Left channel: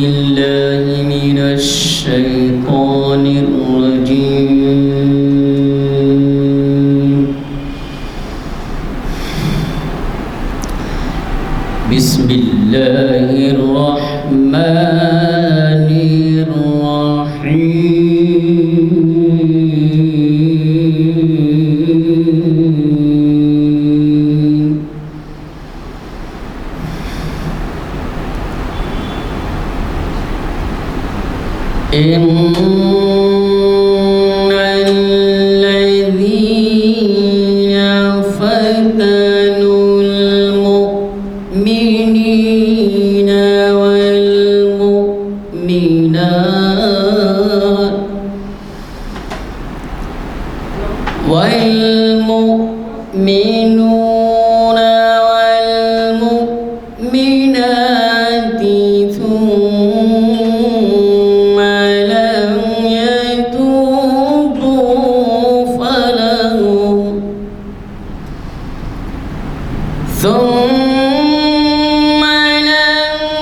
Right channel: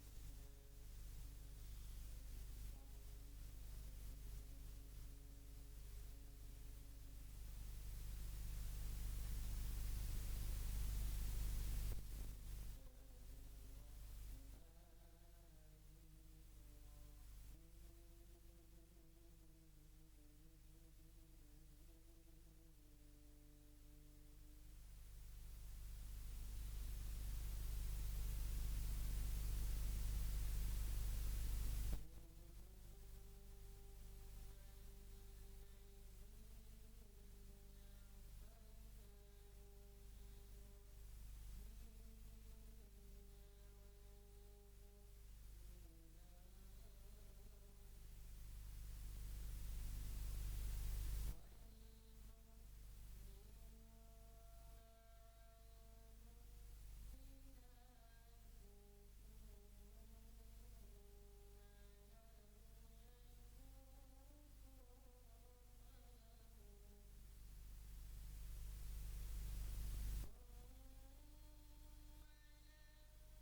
بالله من الشيطان الرجيم. بسم الله الرحمن الرحيم. إن الذين فتنوا المؤمنين والمؤمنات والمؤمنون والمؤمنات ثم لم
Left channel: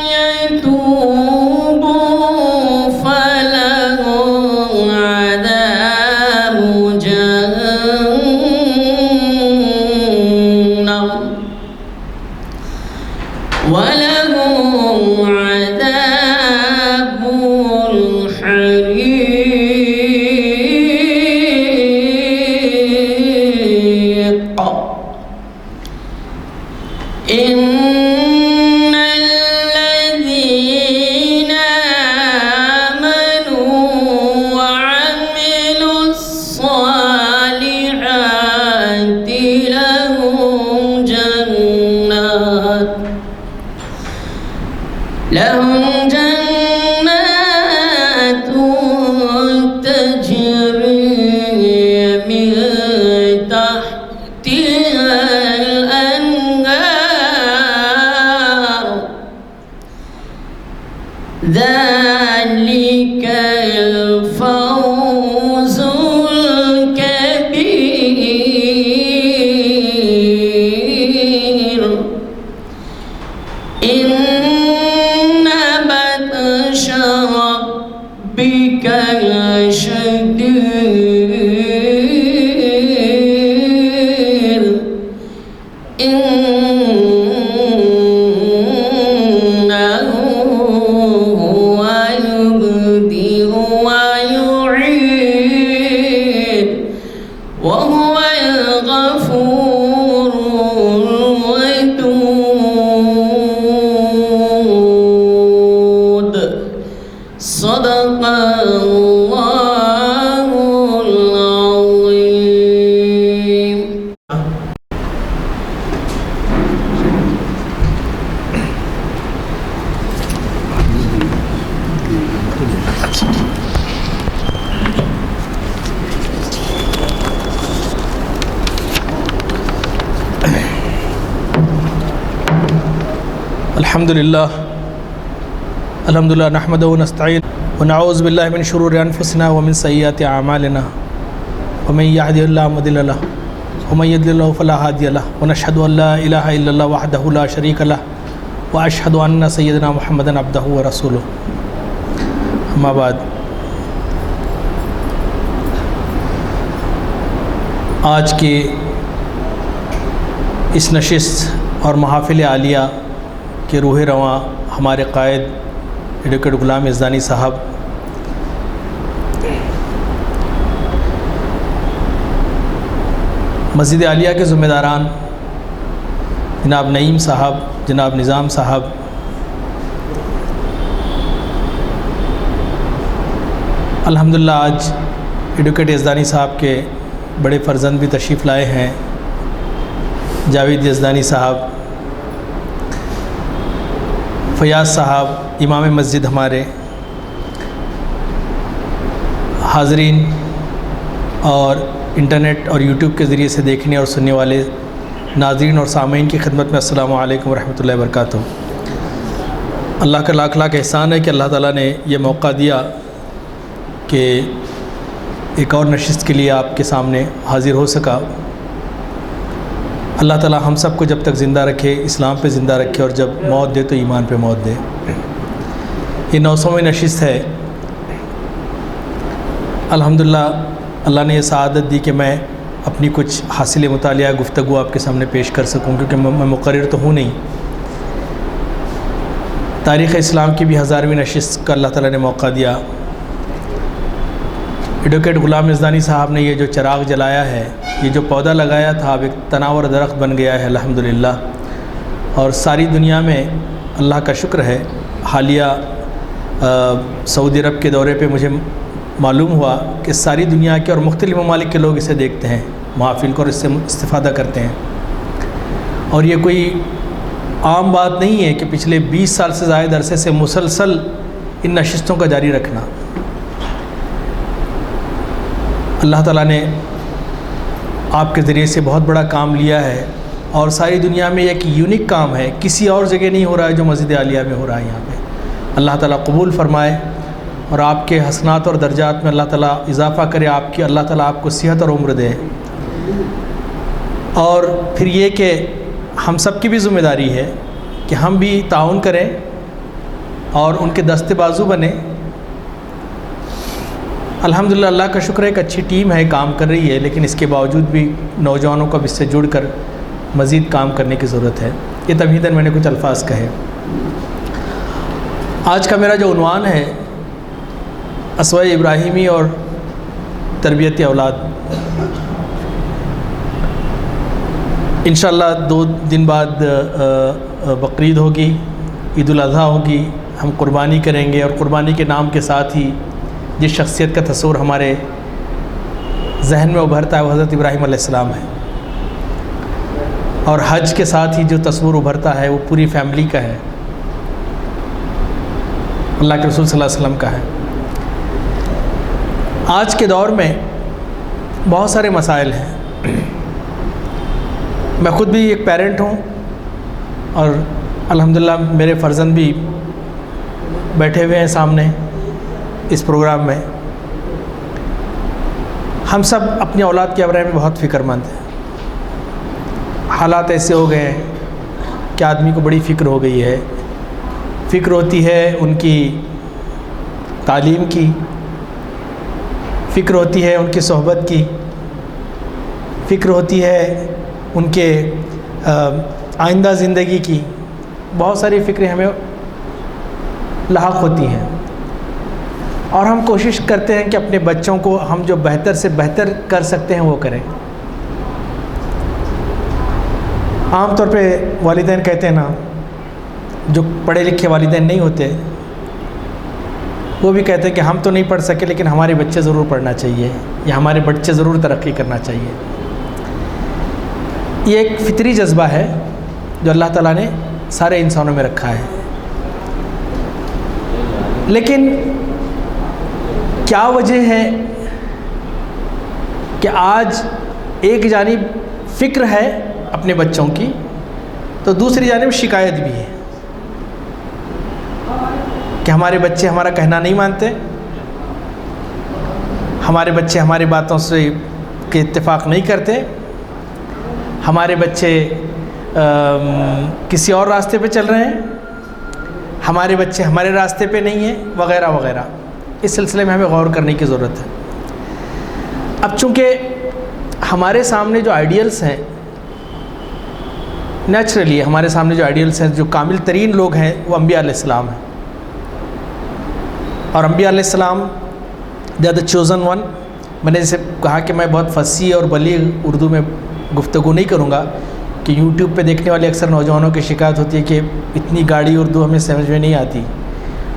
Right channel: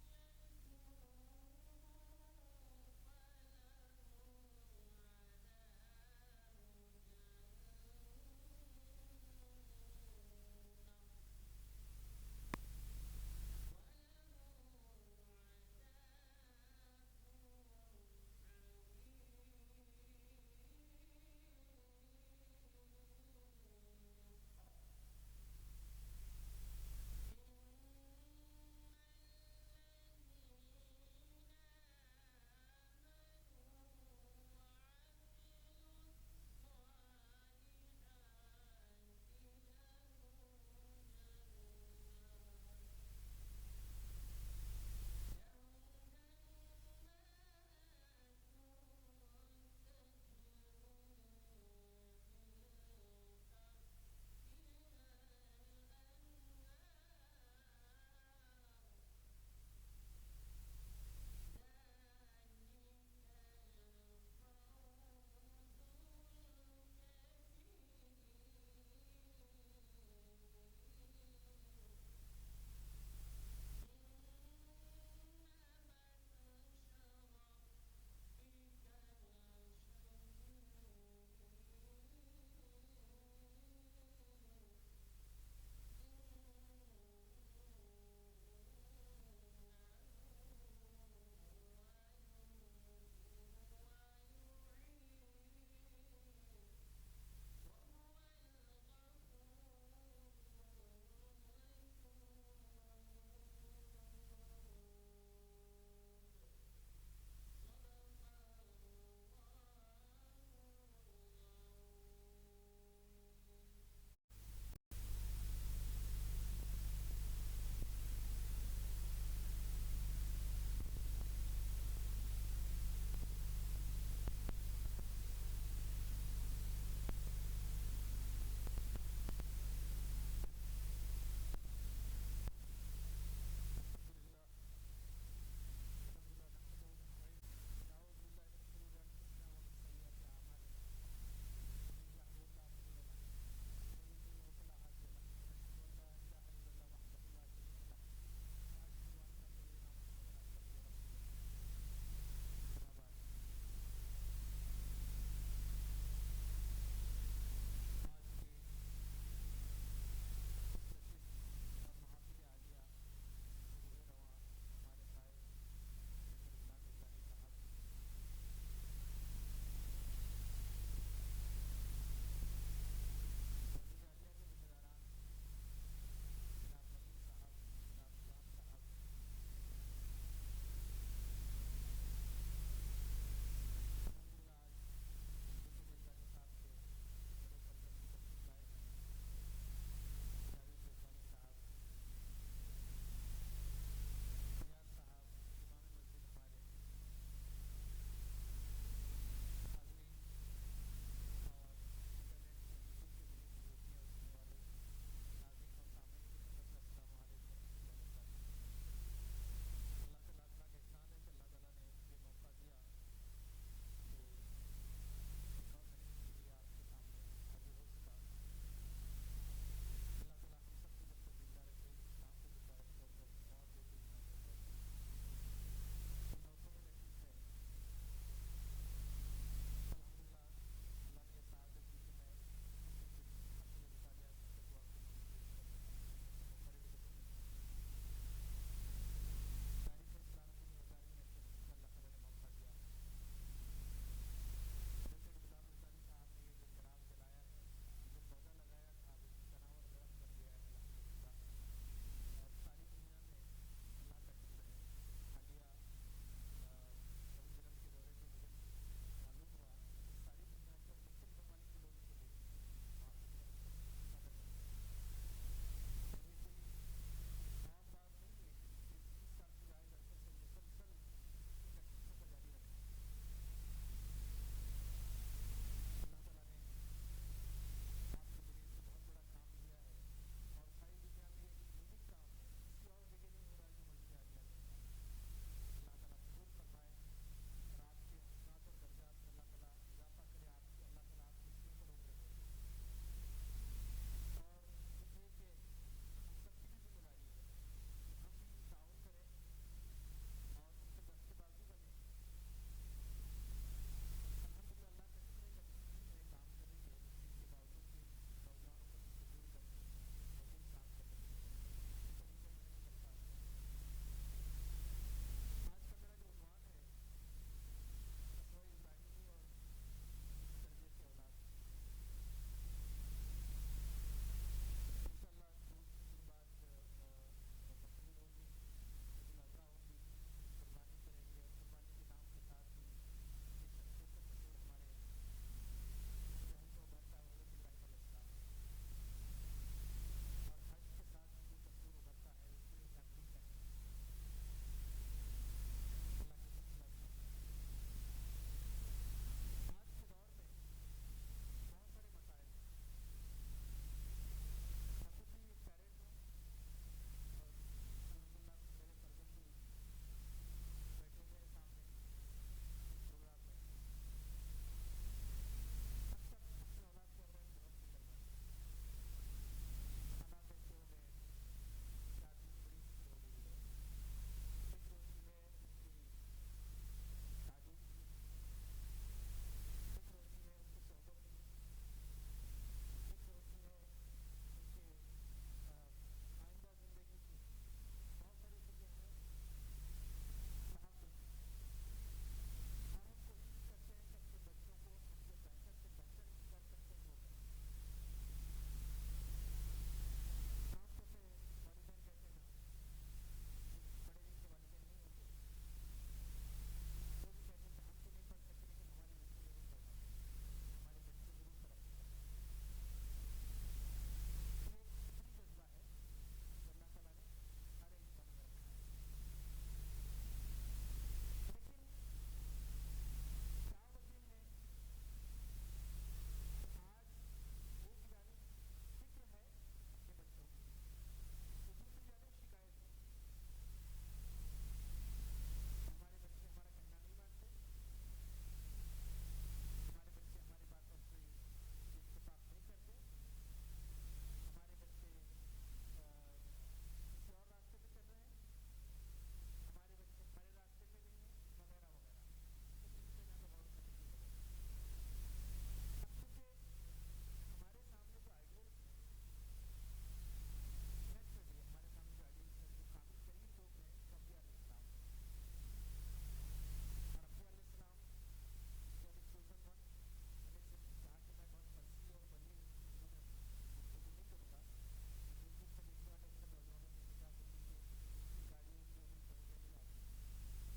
يتوبوا فلهم عذاب جهنم ولهم عذاب الحريق. إن الذين آمنوا وعملوا الصالحات لهم جنات تجري من تحتها الأنهار ذلك الفوز الكبير. إن بطش ربك لشديد إنه هو يبدئ ويعيد وهو الغفور الودود. صدق الله العظيم. الحمد لله نحمده ونستعين ونعوذ بالله من شرور أنفسنا ومن سيئات أعمالنا ومن يهده الله مضل له ومن يضلل فلا هادي له ونشهد أن لا إله إلا الله وحده لا شريك له وأشهد أن سيدنا محمدا عبده ورسوله. أما بعد، آج کی اس نشست اور محافل عالیہ کے روح رواں ہمارے قائد ایڈوکیٹ غلام یزدانی صاحب مسجد عالیہ کے ذمہ داران جناب نعیم صاحب، جناب نظام صاحب، الحمدللہ آج ایڈوکیٹ یزدانی صاحب کے بڑے فرزند بھی تشریف لائے ہیں، جاوید یزدانی صاحب، فیاض صاحب امام مسجد ہمارے، حاضرین اور انٹرنیٹ اور یوٹیوب کے ذریعے سے دیکھنے اور سننے والے ناظرین اور سامعین کی خدمت میں السلام علیکم ورحمۃ اللہ وبرکاتہ۔ اللہ کا لاکھ لاکھ احسان ہے کہ اللہ تعالیٰ نے یہ موقع دیا کہ ایک اور نشست کے لیے آپ کے سامنے حاضر ہو سکا۔ اللہ تعالیٰ ہم سب کو جب تک زندہ رکھے، اسلام پہ زندہ رکھے، اور جب موت دے تو ایمان پہ موت دے۔ یہ 900ویں نشست ہے۔ الحمدللہ اللہ نے یہ سعادت دی کہ میں اپنی کچھ حاصل مطالعہ گفتگو آپ کے سامنے پیش کر سکوں، کیونکہ میں مقرر تو ہوں نہیں۔ تاریخ اسلام کی بھی 1000ویں نشست کا اللہ تعالیٰ نے موقع دیا۔ ایڈوکیٹ غلام مزدانی صاحب نے یہ جو چراغ جلایا ہے، یہ جو پودا لگایا تھا، اب ایک تناور درخت بن گیا ہے الحمدللہ، اور ساری دنیا میں اللہ کا شکر ہے۔ حالیہ سعودی عرب کے دورے پہ مجھے معلوم ہوا کہ ساری دنیا کے اور مختلف ممالک کے لوگ اسے دیکھتے ہیں، محافل کو، اور اس سے استفادہ کرتے ہیں۔ اور یہ کوئی عام بات نہیں ہے کہ پچھلے 20 سال سے زائد عرصے سے مسلسل ان نشستوں کا جاری رکھنا۔ اللہ تعالیٰ نے آپ کے ذریعے سے بہت بڑا کام لیا ہے، اور ساری دنیا میں ایک یونیک کام ہے، کسی اور جگہ نہیں ہو رہا ہے جو مسجد عالیہ میں ہو رہا ہے یہاں پہ۔ اللہ تعالیٰ قبول فرمائے اور آپ کے حسنات اور درجات میں اللہ تعالیٰ اضافہ کرے، اللہ تعالیٰ آپ کو صحت اور عمر دے۔ اور پھر یہ کہ ہم سب کی بھی ذمہ داری ہے کہ ہم بھی تعاون کریں اور ان کے دست بازو بنیں۔ الحمدللہ اللہ کا شکر ہے، ایک اچھی ٹیم ہے، کام کر رہی ہے، لیکن اس کے باوجود بھی نوجوانوں کو اب اس سے جڑ کر مزید کام کرنے کی ضرورت ہے۔ یہ تمہیداً میں نے کچھ الفاظ کہے۔ آج کا میرا جو عنوان ہے، اسوہ ابراہیمی اور تربیت اولاد۔ انشاءاللہ 2 دن بعد بقرعید ہوگی، عید الاضحیٰ ہوگی، ہم قربانی کریں گے، اور قربانی کے نام کے ساتھ ہی جس شخصیت کا تصور ہمارے ذہن میں ابھرتا ہے وہ حضرت ابراہیم علیہ السلام ہے، اور حج کے ساتھ ہی جو تصور ابھرتا ہے وہ پوری فیملی کا ہے، اللہ کے رسول صلی اللہ علیہ وسلم کا ہے۔ آج کے دور میں بہت سارے مسائل ہیں۔ میں خود بھی ایک پیرنٹ ہوں، اور الحمدللہ میرے فرزند بھی بیٹھے ہوئے ہیں سامنے اس پروگرام میں۔ ہم سب اپنی اولاد کے بارے میں بہت فکر مند ہیں۔ حالات ایسے ہو گئے ہیں کہ آدمی کو بڑی فکر ہو گئی ہے۔ فکر ہوتی ہے ان کی تعلیم کی، فکر ہوتی ہے ان کی صحبت کی، فکر ہوتی ہے ان کے آئندہ زندگی کی۔ بہت ساری فکریں ہمیں لاحق ہوتی ہیں، اور ہم کوشش کرتے ہیں کہ اپنے بچوں کو ہم جو بہتر سے بہتر کر سکتے ہیں وہ کریں۔ عام طور پہ والدین کہتے ہیں نا، جو پڑھے لکھے والدین نہیں ہوتے وہ بھی کہتے ہیں کہ ہم تو نہیں پڑھ سکے لیکن ہمارے بچے ضرور پڑھنا چاہیے، یا ہمارے بچے ضرور ترقی کرنا چاہیے۔ یہ ایک فطری جذبہ ہے جو اللہ تعالیٰ نے سارے انسانوں میں رکھا ہے، لیکن کیا وجہ ہے کہ آج ایک جانب فکر ہے اپنے بچوں کی تو دوسری جانب شکایت بھی ہے کہ ہمارے بچے ہمارا کہنا نہیں مانتے، ہمارے بچے ہماری باتوں سے کے اتفاق نہیں کرتے، ہمارے بچے کسی اور راستے پہ چل رہے ہیں، ہمارے بچے ہمارے راستے پہ نہیں ہیں، وغیرہ وغیرہ۔ اس سلسلے میں ہمیں غور کرنے کی ضرورت ہے۔ اب چونکہ ہمارے سامنے جو آئیڈیلز ہیں، نیچرلی ہمارے سامنے جو آئیڈیلز ہیں، جو کامل ترین لوگ ہیں وہ انبیاء علیہ السلام ہیں، اور انبیاء علیہ السلام they are the chosen one. میں نے جیسے کہا کہ میں بہت فصیح اور بلیغ اردو میں گفتگو نہیں کروں گا کہ یوٹیوب پہ دیکھنے والے اکثر نوجوانوں کی شکایت ہوتی ہے کہ اتنی گاڑی اردو ہمیں سمجھ میں نہیں آتی،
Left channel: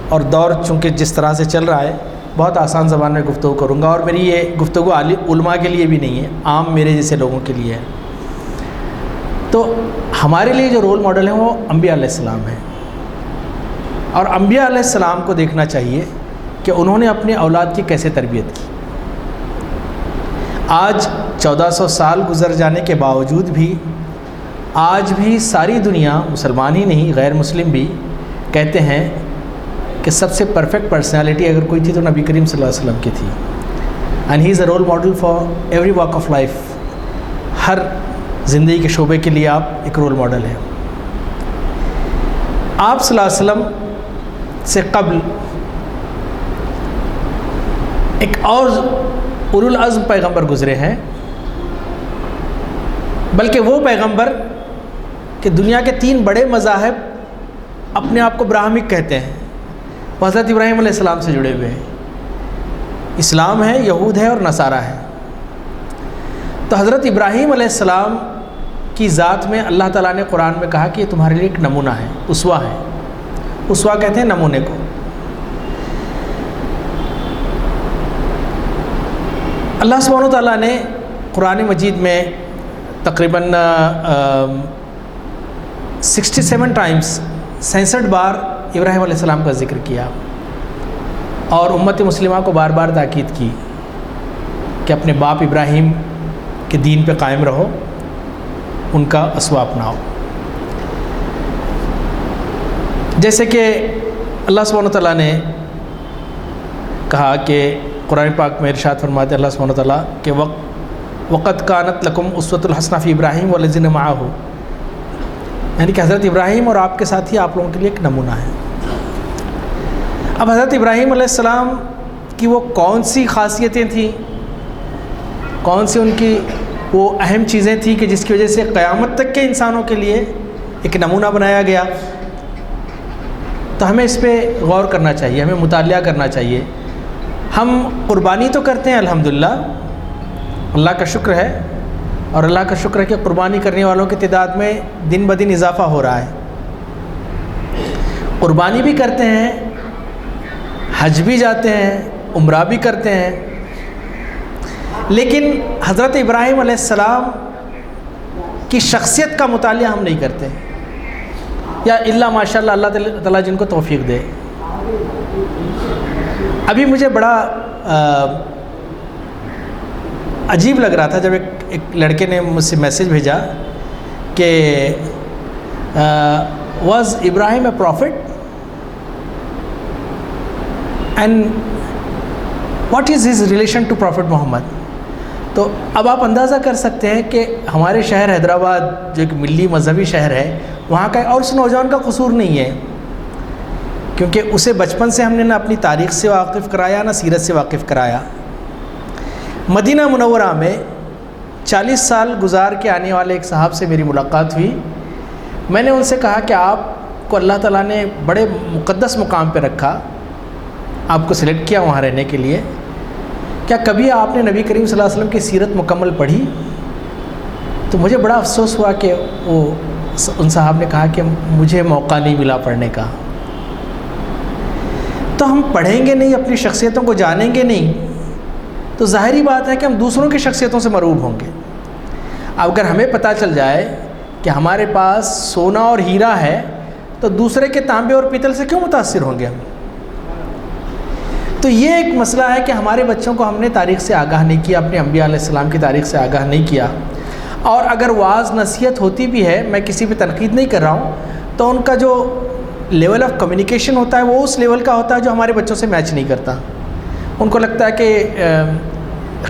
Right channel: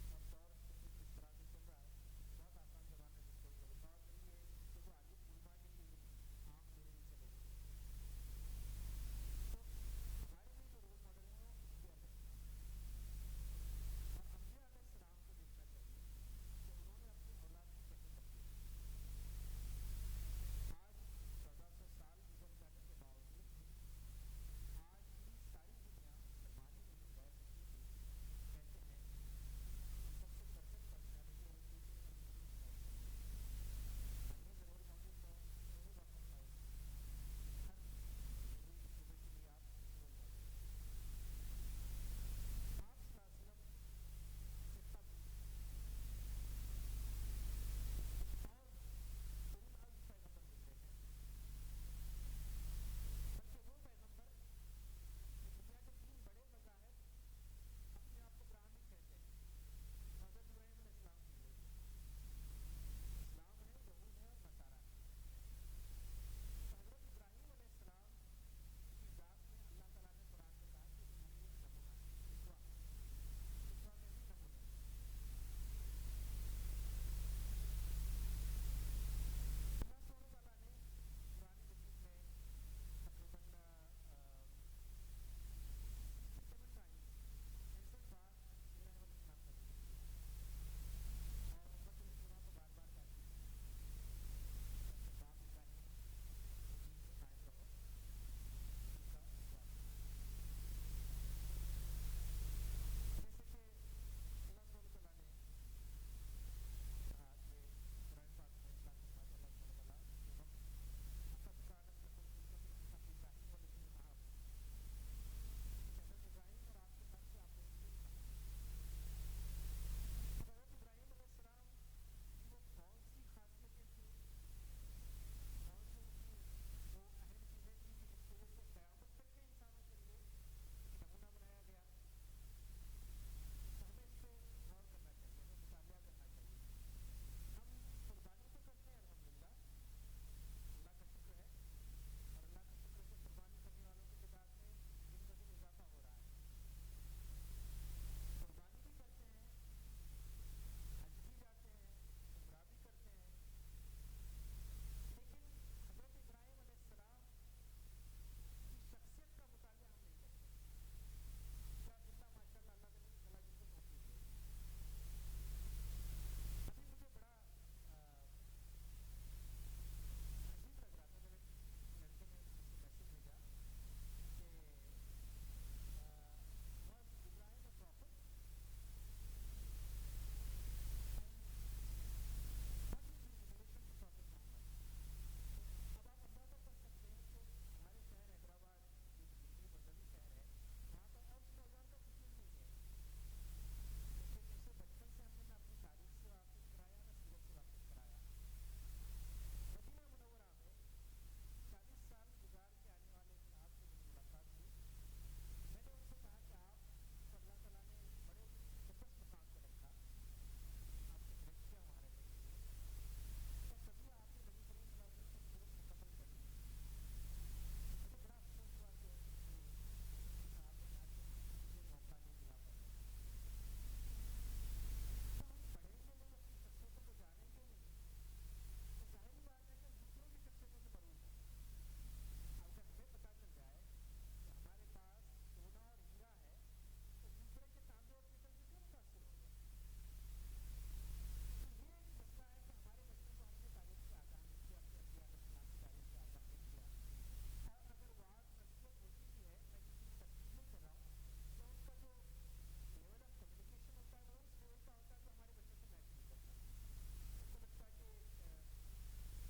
اور دور چونکہ جس طرح سے چل رہا ہے بہت آسان زبان میں گفتگو کروں گا، اور میری یہ گفتگو علماء کے لیے بھی نہیں ہے، عام میرے جیسے لوگوں کے لیے ہے۔ تو ہمارے لیے جو رول ماڈل ہیں وہ انبیاء علیہ السلام ہیں، اور انبیاء علیہ السلام کو دیکھنا چاہیے کہ انہوں نے اپنے اولاد کی کیسے تربیت کی۔ آج 1400 سال گزر جانے کے باوجود بھی آج بھی ساری دنیا، مسلمان ہی نہیں غیر مسلم بھی کہتے ہیں کہ سب سے پرفیکٹ پرسنالٹی اگر کوئی تھی تو نبی کریم صلی اللہ علیہ وسلم کی تھی، and he is a role model for every walk of life. ہر زندگی کے شعبے کے لیے آپ ایک رول ماڈل ہیں۔ آپ صلی اللہ علیہ وسلم سے قبل ایک اور اولو العزم پیغمبر گزرے ہیں، بلکہ وہ پیغمبر کہ دنیا کے 3 بڑے مذاہب اپنے آپ کو براہمک کہتے ہیں، وہ حضرت ابراہیم علیہ السلام سے جڑے ہوئے ہیں۔ اسلام ہے، یہود ہے اور نصارہ ہے۔ تو حضرت ابراہیم علیہ السلام کی ذات میں اللہ تعالیٰ نے قرآن میں کہا کہ یہ تمہارے لیے ایک نمونہ ہے، اسوہ ہے۔ اسوہ کہتے ہیں نمونے کو۔ اللہ سبحانہ و تعالیٰ نے قرآن مجید میں تقریباً 67 ٹائمز 66 بار ابراہیم علیہ السلام کا ذکر کیا، اور امت مسلمہ کو بار بار تاکید کی کہ اپنے باپ ابراہیم کے دین پہ قائم رہو، ان کا اسوہ اپناؤ۔ جیسے کہ اللہ سبحانہ و تعالیٰ نے کہا کہ قرآن پاک میں ارشاد فرماتے اللہ سبحانہ و تعالیٰ کہ وقت کانت لکم اسوۃ الحسنہ فی ابراہیم والذین معہ، یعنی کہ حضرت ابراہیم اور آپ کے ساتھ ہی آپ لوگوں کے لیے ایک نمونہ ہے۔ اب حضرت ابراہیم علیہ السلام کی وہ کون سی خاصیتیں تھیں، کون سی ان کی وہ اہم چیزیں تھیں کہ جس کی وجہ سے قیامت تک کے انسانوں کے لیے ایک نمونہ بنایا گیا؟ تو ہمیں اس پہ غور کرنا چاہیے، ہمیں مطالعہ کرنا چاہیے۔ ہم قربانی تو کرتے ہیں الحمدللہ، اللہ کا شکر ہے، اور اللہ کا شکر ہے کہ قربانی کرنے والوں کی تعداد میں دن بدن اضافہ ہو رہا ہے۔ قربانی بھی کرتے ہیں، حج بھی جاتے ہیں، عمرہ بھی کرتے ہیں، لیکن حضرت ابراہیم علیہ السلام کی شخصیت کا مطالعہ ہم نہیں کرتے، یا الا ماشاءاللہ اللہ تعالیٰ جن کو توفیق دے۔ ابھی مجھے بڑا عجیب لگ رہا تھا جب ایک لڑکے نے مجھ سے میسیج بھیجا کہ was Ibrahim a prophet and what is his relation to prophet Muhammad. تو اب آپ اندازہ کر سکتے ہیں کہ ہمارے شہر حیدرآباد جو ایک ملی مذہبی شہر ہے، وہاں کا اور اس نوجوان کا قصور نہیں ہے، کیونکہ اسے بچپن سے ہم نے نہ اپنی تاریخ سے واقف کرایا نہ سیرت سے واقف کرایا۔ مدینہ منورہ میں 40 سال گزار کے آنے والے ایک صاحب سے میری ملاقات ہوئی۔ میں نے ان سے کہا کہ آپ کو اللہ تعالیٰ نے بڑے مقدس مقام پہ رکھا، آپ کو سلیکٹ کیا وہاں رہنے کے لیے، کیا کبھی آپ نے نبی کریم صلی اللہ علیہ وسلم کی سیرت مکمل پڑھی؟ تو مجھے بڑا افسوس ہوا کہ ان صاحب نے کہا کہ مجھے موقع نہیں ملا پڑھنے کا۔ تو ہم پڑھیں گے نہیں، اپنی شخصیتوں کو جانیں گے نہیں، تو ظاہری بات ہے کہ ہم دوسروں کی شخصیتوں سے مروب ہوں گے۔ اب اگر ہمیں پتہ چل جائے کہ ہمارے پاس سونا اور ہیرا ہے تو دوسرے کے تانبے اور پیتل سے کیوں متاثر ہوں گے ہم؟ تو یہ ایک مسئلہ ہے کہ ہمارے بچوں کو ہم نے تاریخ سے آگاہ نہیں کیا، اپنے انبیاء علیہ السلام کی تاریخ سے آگاہ نہیں کیا، اور اگر واعظ نصیحت ہوتی بھی ہے، میں کسی پہ تنقید نہیں کر رہا ہوں، تو ان کا جو لیول آف کمیونیکیشن ہوتا ہے وہ اس لیول کا ہوتا ہے جو ہمارے بچوں سے میچ نہیں کرتا۔ ان کو لگتا ہے کہ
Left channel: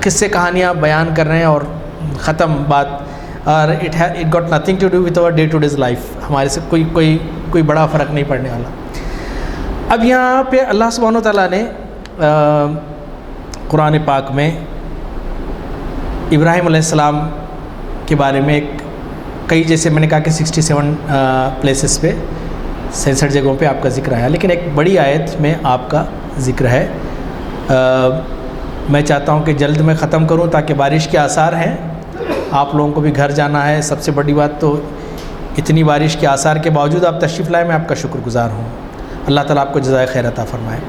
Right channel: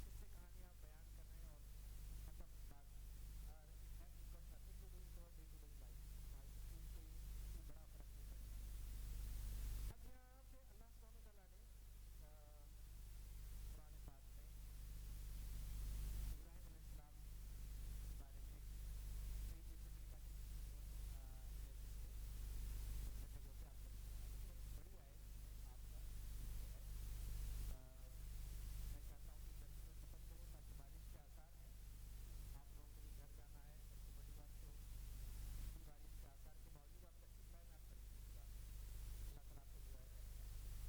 قصے کہانیاں بیان کر رہے ہیں اور ختم بات، اور it got nothing to do with our day to days life, ہمارے سے کوئی بڑا فرق نہیں پڑنے والا۔ اب یہاں پہ اللہ سبحانہ و تعالیٰ نے قرآن پاک میں ابراہیم علیہ السلام کے بارے میں کئی، جیسے میں نے کہا کہ 67 پلیسز پہ 66 جگہوں پہ آپ کا ذکر آیا، لیکن ایک بڑی آیت میں آپ کا ذکر ہے۔ میں چاہتا ہوں کہ جلد میں ختم کروں تاکہ بارش کے آثار ہیں، آپ لوگوں کو بھی گھر جانا ہے۔ سب سے بڑی بات تو اتنی بارش کے آثار کے باوجود آپ تشریف لائے، میں آپ کا شکر گزار ہوں۔ اللہ تعالیٰ آپ کو جزائے خیر عطا فرمائے۔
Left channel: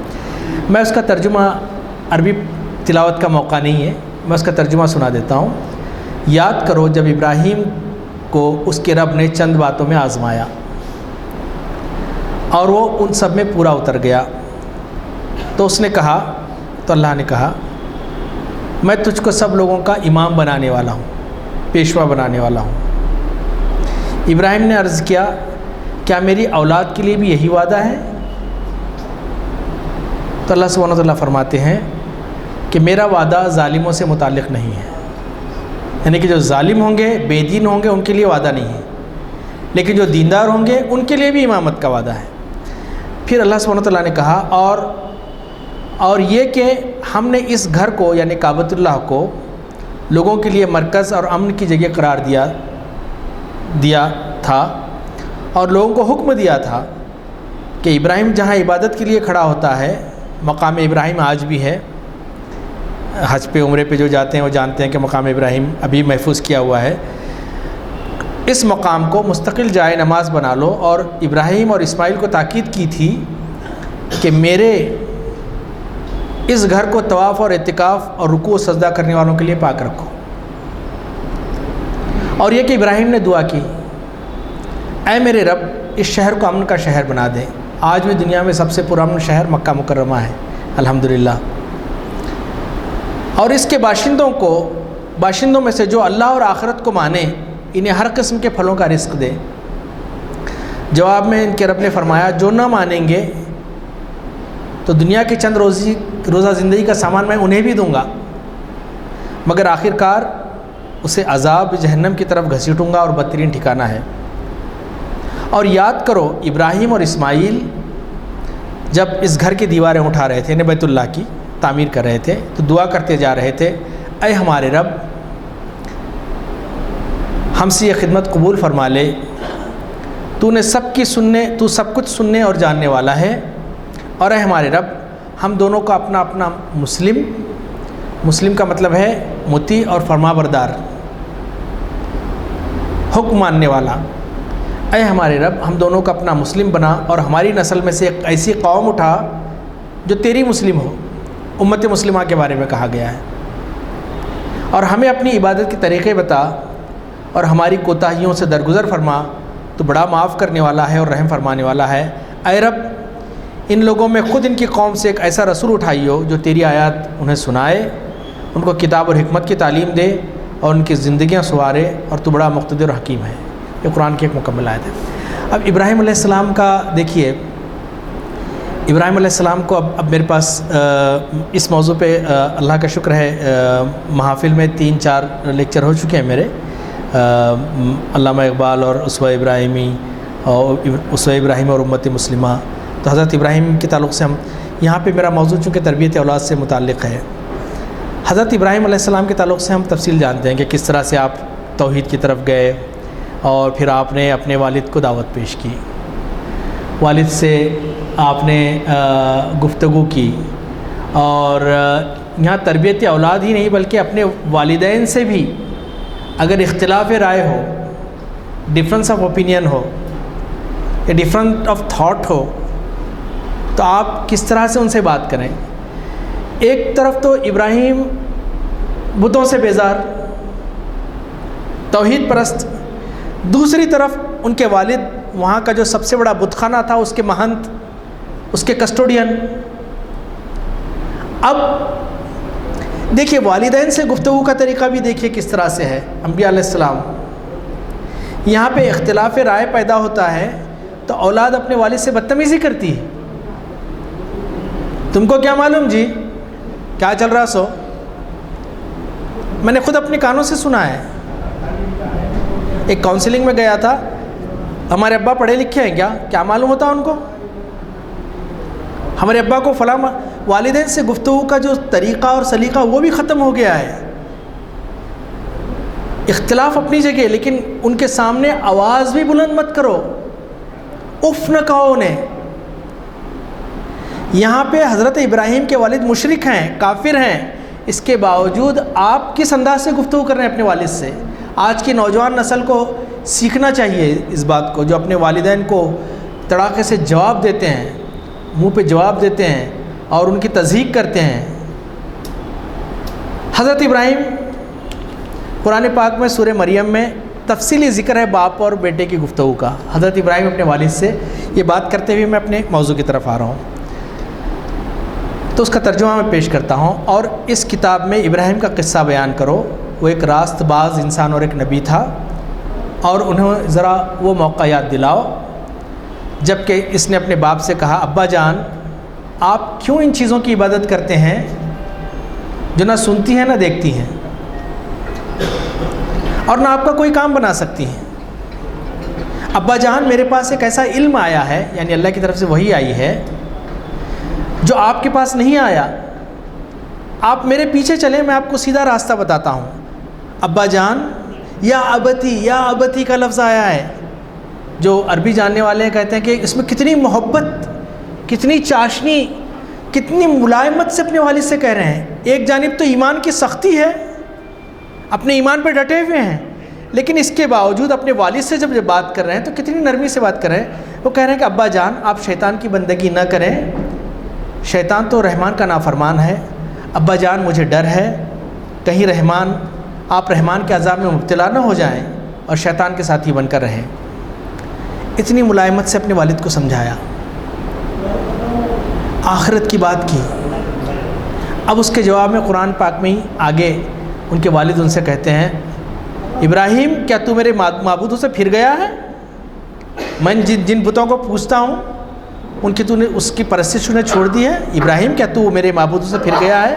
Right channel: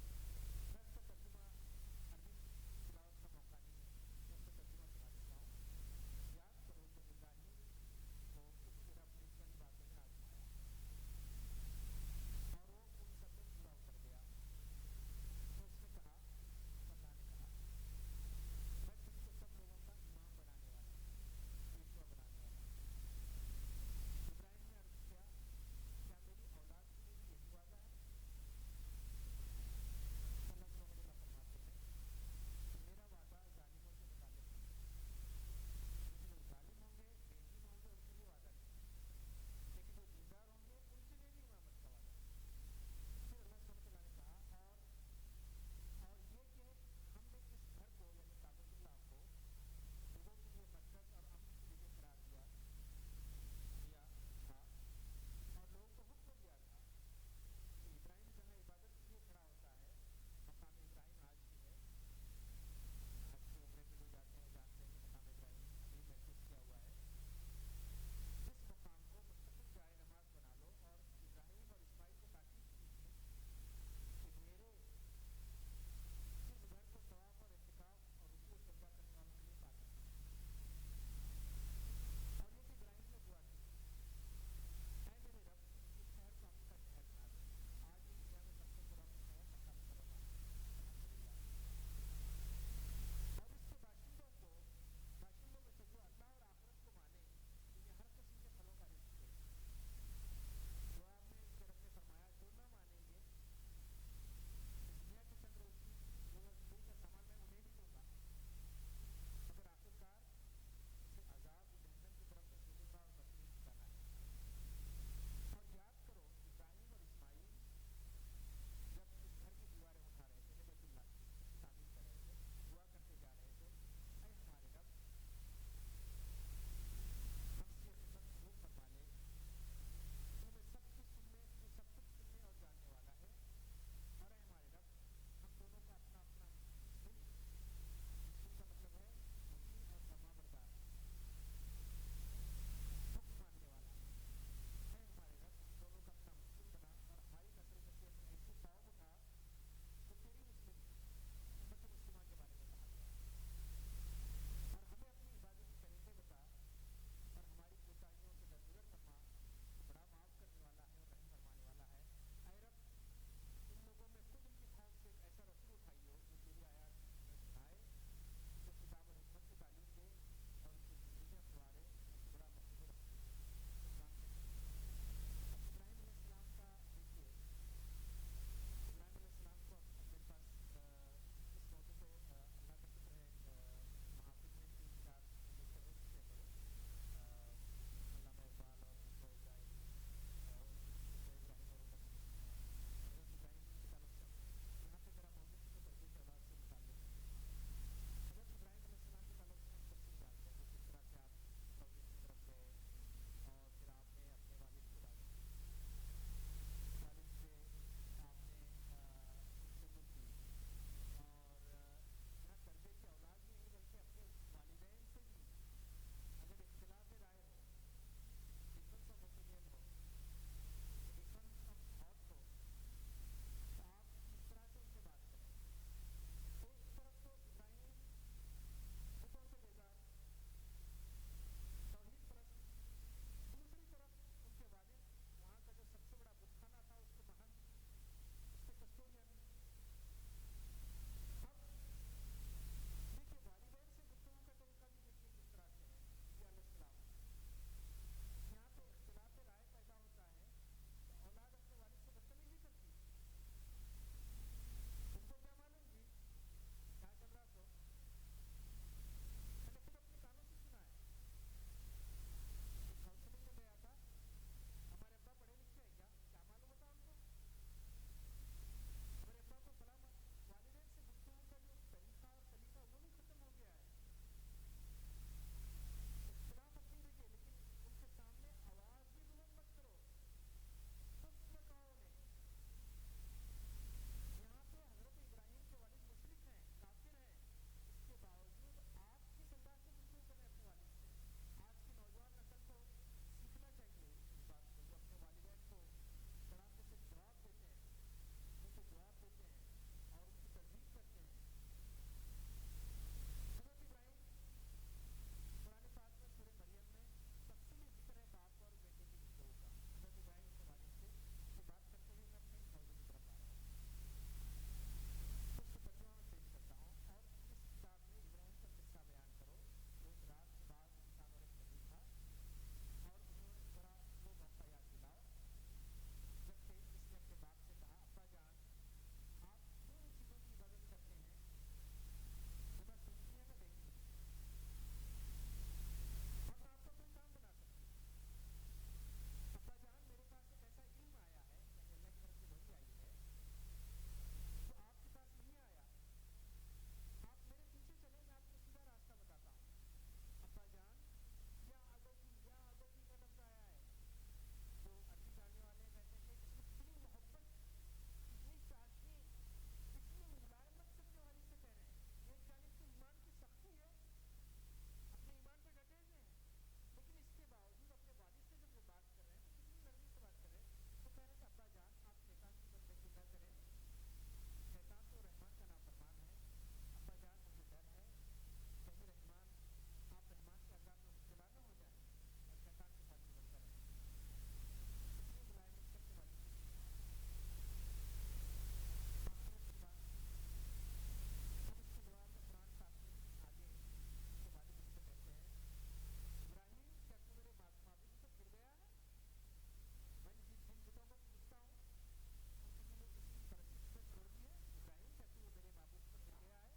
میں اس کا ترجمہ، عربی تلاوت کا موقع نہیں ہے، میں اس کا ترجمہ سنا دیتا ہوں۔ یاد کرو جب ابراہیم کو اس کے رب نے چند باتوں میں آزمایا اور وہ ان سب میں پورا اتر گیا، تو اس نے کہا، تو اللہ نے کہا میں تجھ کو سب لوگوں کا امام بنانے والا ہوں، پیشوا بنانے والا ہوں۔ ابراہیم نے عرض کیا کیا میری اولاد کے لیے بھی یہی وعدہ ہے؟ تو اللہ سبحانہ و تعالیٰ فرماتے ہیں کہ میرا وعدہ ظالموں سے متعلق نہیں ہے، یعنی کہ جو ظالم ہوں گے، بے دین ہوں گے، ان کے لیے وعدہ نہیں ہے، لیکن جو دیندار ہوں گے ان کے لیے بھی امامت کا وعدہ ہے۔ پھر اللہ سبحانہ و تعالیٰ نے کہا اور اور یہ کہ ہم نے اس گھر کو یعنی کعبۃ اللہ کو لوگوں کے لیے مرکز اور امن کی جگہ قرار دیا تھا، اور لوگوں کو حکم دیا تھا کہ ابراہیم جہاں عبادت کے لیے کھڑا ہوتا ہے، مقام ابراہیم آج بھی ہے۔ حج پہ عمرے پہ جو جاتے ہیں وہ جانتے ہیں کہ مقام ابراہیم ابھی محفوظ کیا ہوا ہے۔ اس مقام کو مستقل جائے نماز بنا لو، اور ابراہیم اور اسماعیل کو تاکید کی تھی کہ میرے اس گھر کو طواف اور اعتکاف اور رکوع و سجدہ کرنے والوں کے لیے پاک رکھو۔ اور یہ کہ ابراہیم نے دعا کی، اے میرے رب اس شہر کو امن کا شہر بنا دے۔ آج بھی دنیا میں سب سے پرامن شہر مکہ مکرمہ ہے الحمدللہ، اور اس کے باشندوں میں سے جو اللہ اور آخرت کو مانے انہیں ہر قسم کے پھلوں کا رزق دے۔ جواب میں ان کے رب نے فرمایا، جو نہ مانیں گے تو دنیا کی چند روزہ زندگی کا سامان میں انہیں بھی دوں گا، مگر آخر کار اسے عذاب جہنم کی طرف گھسیٹوں گا، اور بدترین ٹھکانہ ہے۔ اور یاد کرو ابراہیم اور اسماعیل جب اس گھر کی دیواریں اٹھا رہے تھے، بیت اللہ کی تعمیر کر رہے تھے، تو دعا کرتے جا رہے تھے، اے ہمارے رب ہم سے یہ خدمت قبول فرما لے، تو سب کچھ سننے اور جاننے والا ہے، اور اے ہمارے رب ہم دونوں کا اپنا اپنا مسلم کا مطلب ہے مطیع اور فرما بردار، حکم ماننے والا۔ اے ہمارے رب ہم دونوں کا اپنا مسلم بنا، اور ہماری نسل میں سے ایک ایسی قوم اٹھا جو تیری مسلم ہو۔ امت مسلمہ کے بارے میں کہا گیا ہے۔ اور ہمیں اپنی عبادت کے طریقے بتا، اور ہماری کوتاہیوں سے درگزر فرما، تو بڑا معاف کرنے والا ہے اور رحم فرمانے والا ہے۔ اے رب ان لوگوں میں خود ان کی قوم سے ایک ایسا رسول اٹھائی ہو جو تیری آیات انہیں سنائے، ان کو کتاب اور حکمت کی تعلیم دے، اور ان کی زندگیاں سنوارے، اور تو بڑا مقتدر و حکیم ہے۔ یہ قرآن کی ایک مکمل آیت ہے۔ اب ابراہیم علیہ السلام کا دیکھیے، ابراہیم علیہ السلام کو اب میرے پاس اس موضوع پہ اللہ کا شکر ہے محافل میں 3-4 لیکچر ہو چکے ہیں میرے، علامہ اقبال اور اسوہ ابراہیم اور امت مسلمہ۔ تو حضرت ابراہیم کے تعلق سے ہم یہاں پہ میرا موضوع چونکہ تربیت اولاد سے متعلق ہے، حضرت ابراہیم علیہ السلام کے تعلق سے ہم تفصیل جانتے ہیں کہ کس طرح سے آپ توحید کی طرف گئے، اور پھر آپ نے اپنے والد کو دعوت پیش کی، والد سے آپ نے گفتگو کی، اور یہاں تربیت اولاد ہی نہیں بلکہ اپنے والدین سے بھی اگر اختلاف رائے ہو، ڈفرینس آف اوپینین ہو، یا ڈفرینٹ آف تھاٹ ہو، تو آپ کس طرح سے ان سے بات کریں۔ ایک طرف تو ابراہیم بتوں سے بیزار، توحید پرست، دوسری طرف ان کے والد وہاں کا جو سب سے بڑا بت خانہ تھا اس کے مہنت، اس کے کسٹوڈین۔ اب دیکھیے والدین سے گفتگو کا طریقہ بھی دیکھیے کس طرح سے ہے۔ انبیاء علیہ السلام یہاں پہ اختلاف رائے پیدا ہوتا ہے تو اولاد اپنے والد سے بدتمیزی کرتی ہے، تم کو کیا معلوم جی کیا چل رہا سو، میں نے خود اپنے کانوں سے سنا ہے۔ ایک کاؤنسلنگ میں گیا تھا، ہمارے ابا پڑھے لکھے ہیں کیا معلوم ہوتا ان کو، ہمارے ابا کو فلاں۔ والدین سے گفتگو کا جو طریقہ اور سلیقہ وہ بھی ختم ہو گیا ہے۔ اختلاف اپنی جگہ، لیکن ان کے سامنے آواز بھی بلند مت کرو، اف نہ کہو انہیں۔ یہاں پہ حضرت ابراہیم کے والد مشرک ہیں، کافر ہیں، اس کے باوجود آپ کس انداز سے گفتگو کر رہے ہیں اپنے والد سے۔ آج کی نوجوان نسل کو سیکھنا چاہیے اس بات کو، جو اپنے والدین کو تڑاکے سے جواب دیتے ہیں، منہ پہ جواب دیتے ہیں اور ان کی تضحیق کرتے ہیں۔ حضرت ابراہیم قرآن پاک میں سورہ مریم میں تفصیلی ذکر ہے باپ اور بیٹے کی گفتگو کا۔ حضرت ابراہیم اپنے والد سے یہ بات کرتے ہوئے میں اپنے موضوع کی طرف آ رہا ہوں، تو اس کا ترجمہ میں پیش کرتا ہوں۔ اور اس کتاب میں ابراہیم کا قصہ بیان کرو، وہ ایک راست باز انسان اور ایک نبی تھا، اور انہیں ذرا وہ موقع یاد دلاؤ جب کہ اس نے اپنے باپ سے کہا، ابا جان آپ کیوں ان چیزوں کی عبادت کرتے ہیں جو نہ سنتی ہیں نہ دیکھتی ہیں اور نہ آپ کا کوئی کام بنا سکتی ہیں۔ ابا جان میرے پاس ایک ایسا علم آیا ہے، یعنی اللہ کی طرف سے وحی آئی ہے جو آپ کے پاس نہیں آیا، آپ میرے پیچھے چلیں، میں آپ کو سیدھا راستہ بتاتا ہوں۔ ابا جان، یا ابتی کا لفظ آیا ہے، جو عربی جاننے والے کہتے ہیں کہ اس میں کتنی محبت، کتنی چاشنی، کتنی ملائمت سے اپنے والد سے کہہ رہے ہیں۔ ایک جانب تو ایمان کی سختی ہے، اپنے ایمان پہ ڈٹے ہوئے ہیں، لیکن اس کے باوجود اپنے والد سے جب بات کر رہے ہیں تو کتنی نرمی سے بات کر رہے ہیں۔ وہ کہہ رہے ہیں کہ ابا جان، آپ شیطان کی بندگی نہ کریں، شیطان تو رحمان کا نافرمان ہے۔ ابا جان، مجھے ڈر ہے کہیں آپ رحمان کے عذاب میں مبتلا نہ ہو جائیں اور شیطان کے ساتھی بن کر رہیں۔ اتنی ملائمت سے اپنے والد کو سمجھایا، آخرت کی بات کی۔ اب اس کے جواب میں قرآن پاک میں ہی آگے ان کے والد ان سے کہتے ہیں، ابراہیم، کیا تو میرے معبودوں سے پھر گیا ہے؟ میں جن بتوں کو پوجتا ہوں ان کی تو نے اس کی پرستش نے چھوڑ دی ہے؟ ابراہیم، کیا تو میرے معبودوں سے پھر گیا ہے؟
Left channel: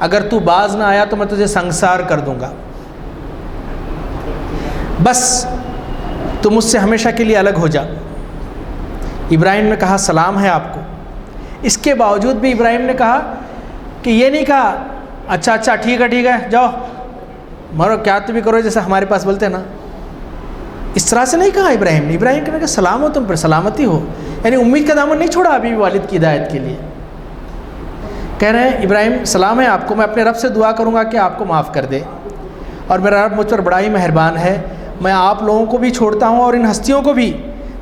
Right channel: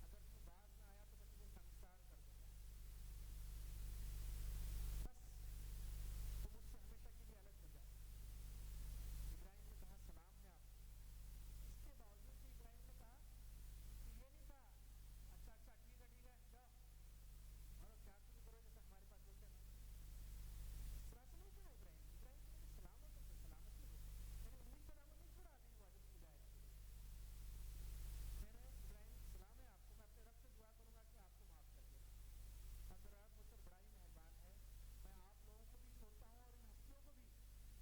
اگر تو باز نہ آیا تو میں تجھے سنگسار کر دوں گا، بس تو مجھ سے ہمیشہ کے لیے الگ ہو جا۔ ابراہیم نے کہا سلام ہے آپ کو۔ اس کے باوجود بھی ابراہیم نے کہا کہ یہ نہیں کہا اچھا ٹھیک ہے جاؤ مرو، کیا تو بھی کرو جیسے ہمارے پاس بولتے ہیں نا، اس طرح سے نہیں کہا ابراہیم نے۔ ابراہیم کہنے کہ سلام ہو تم پر، سلامتی ہو، یعنی امید کا دامن نہیں چھوڑا ابھی بھی والد کی ہدایت کے لیے۔ کہہ رہے ہیں ابراہیم سلام ہے آپ کو، میں اپنے رب سے دعا کروں گا کہ آپ کو معاف کر دے، اور میرا رب مجھ پر بڑا ہی مہربان ہے۔ میں آپ لوگوں کو بھی چھوڑتا ہوں اور ان ہستیوں کو بھی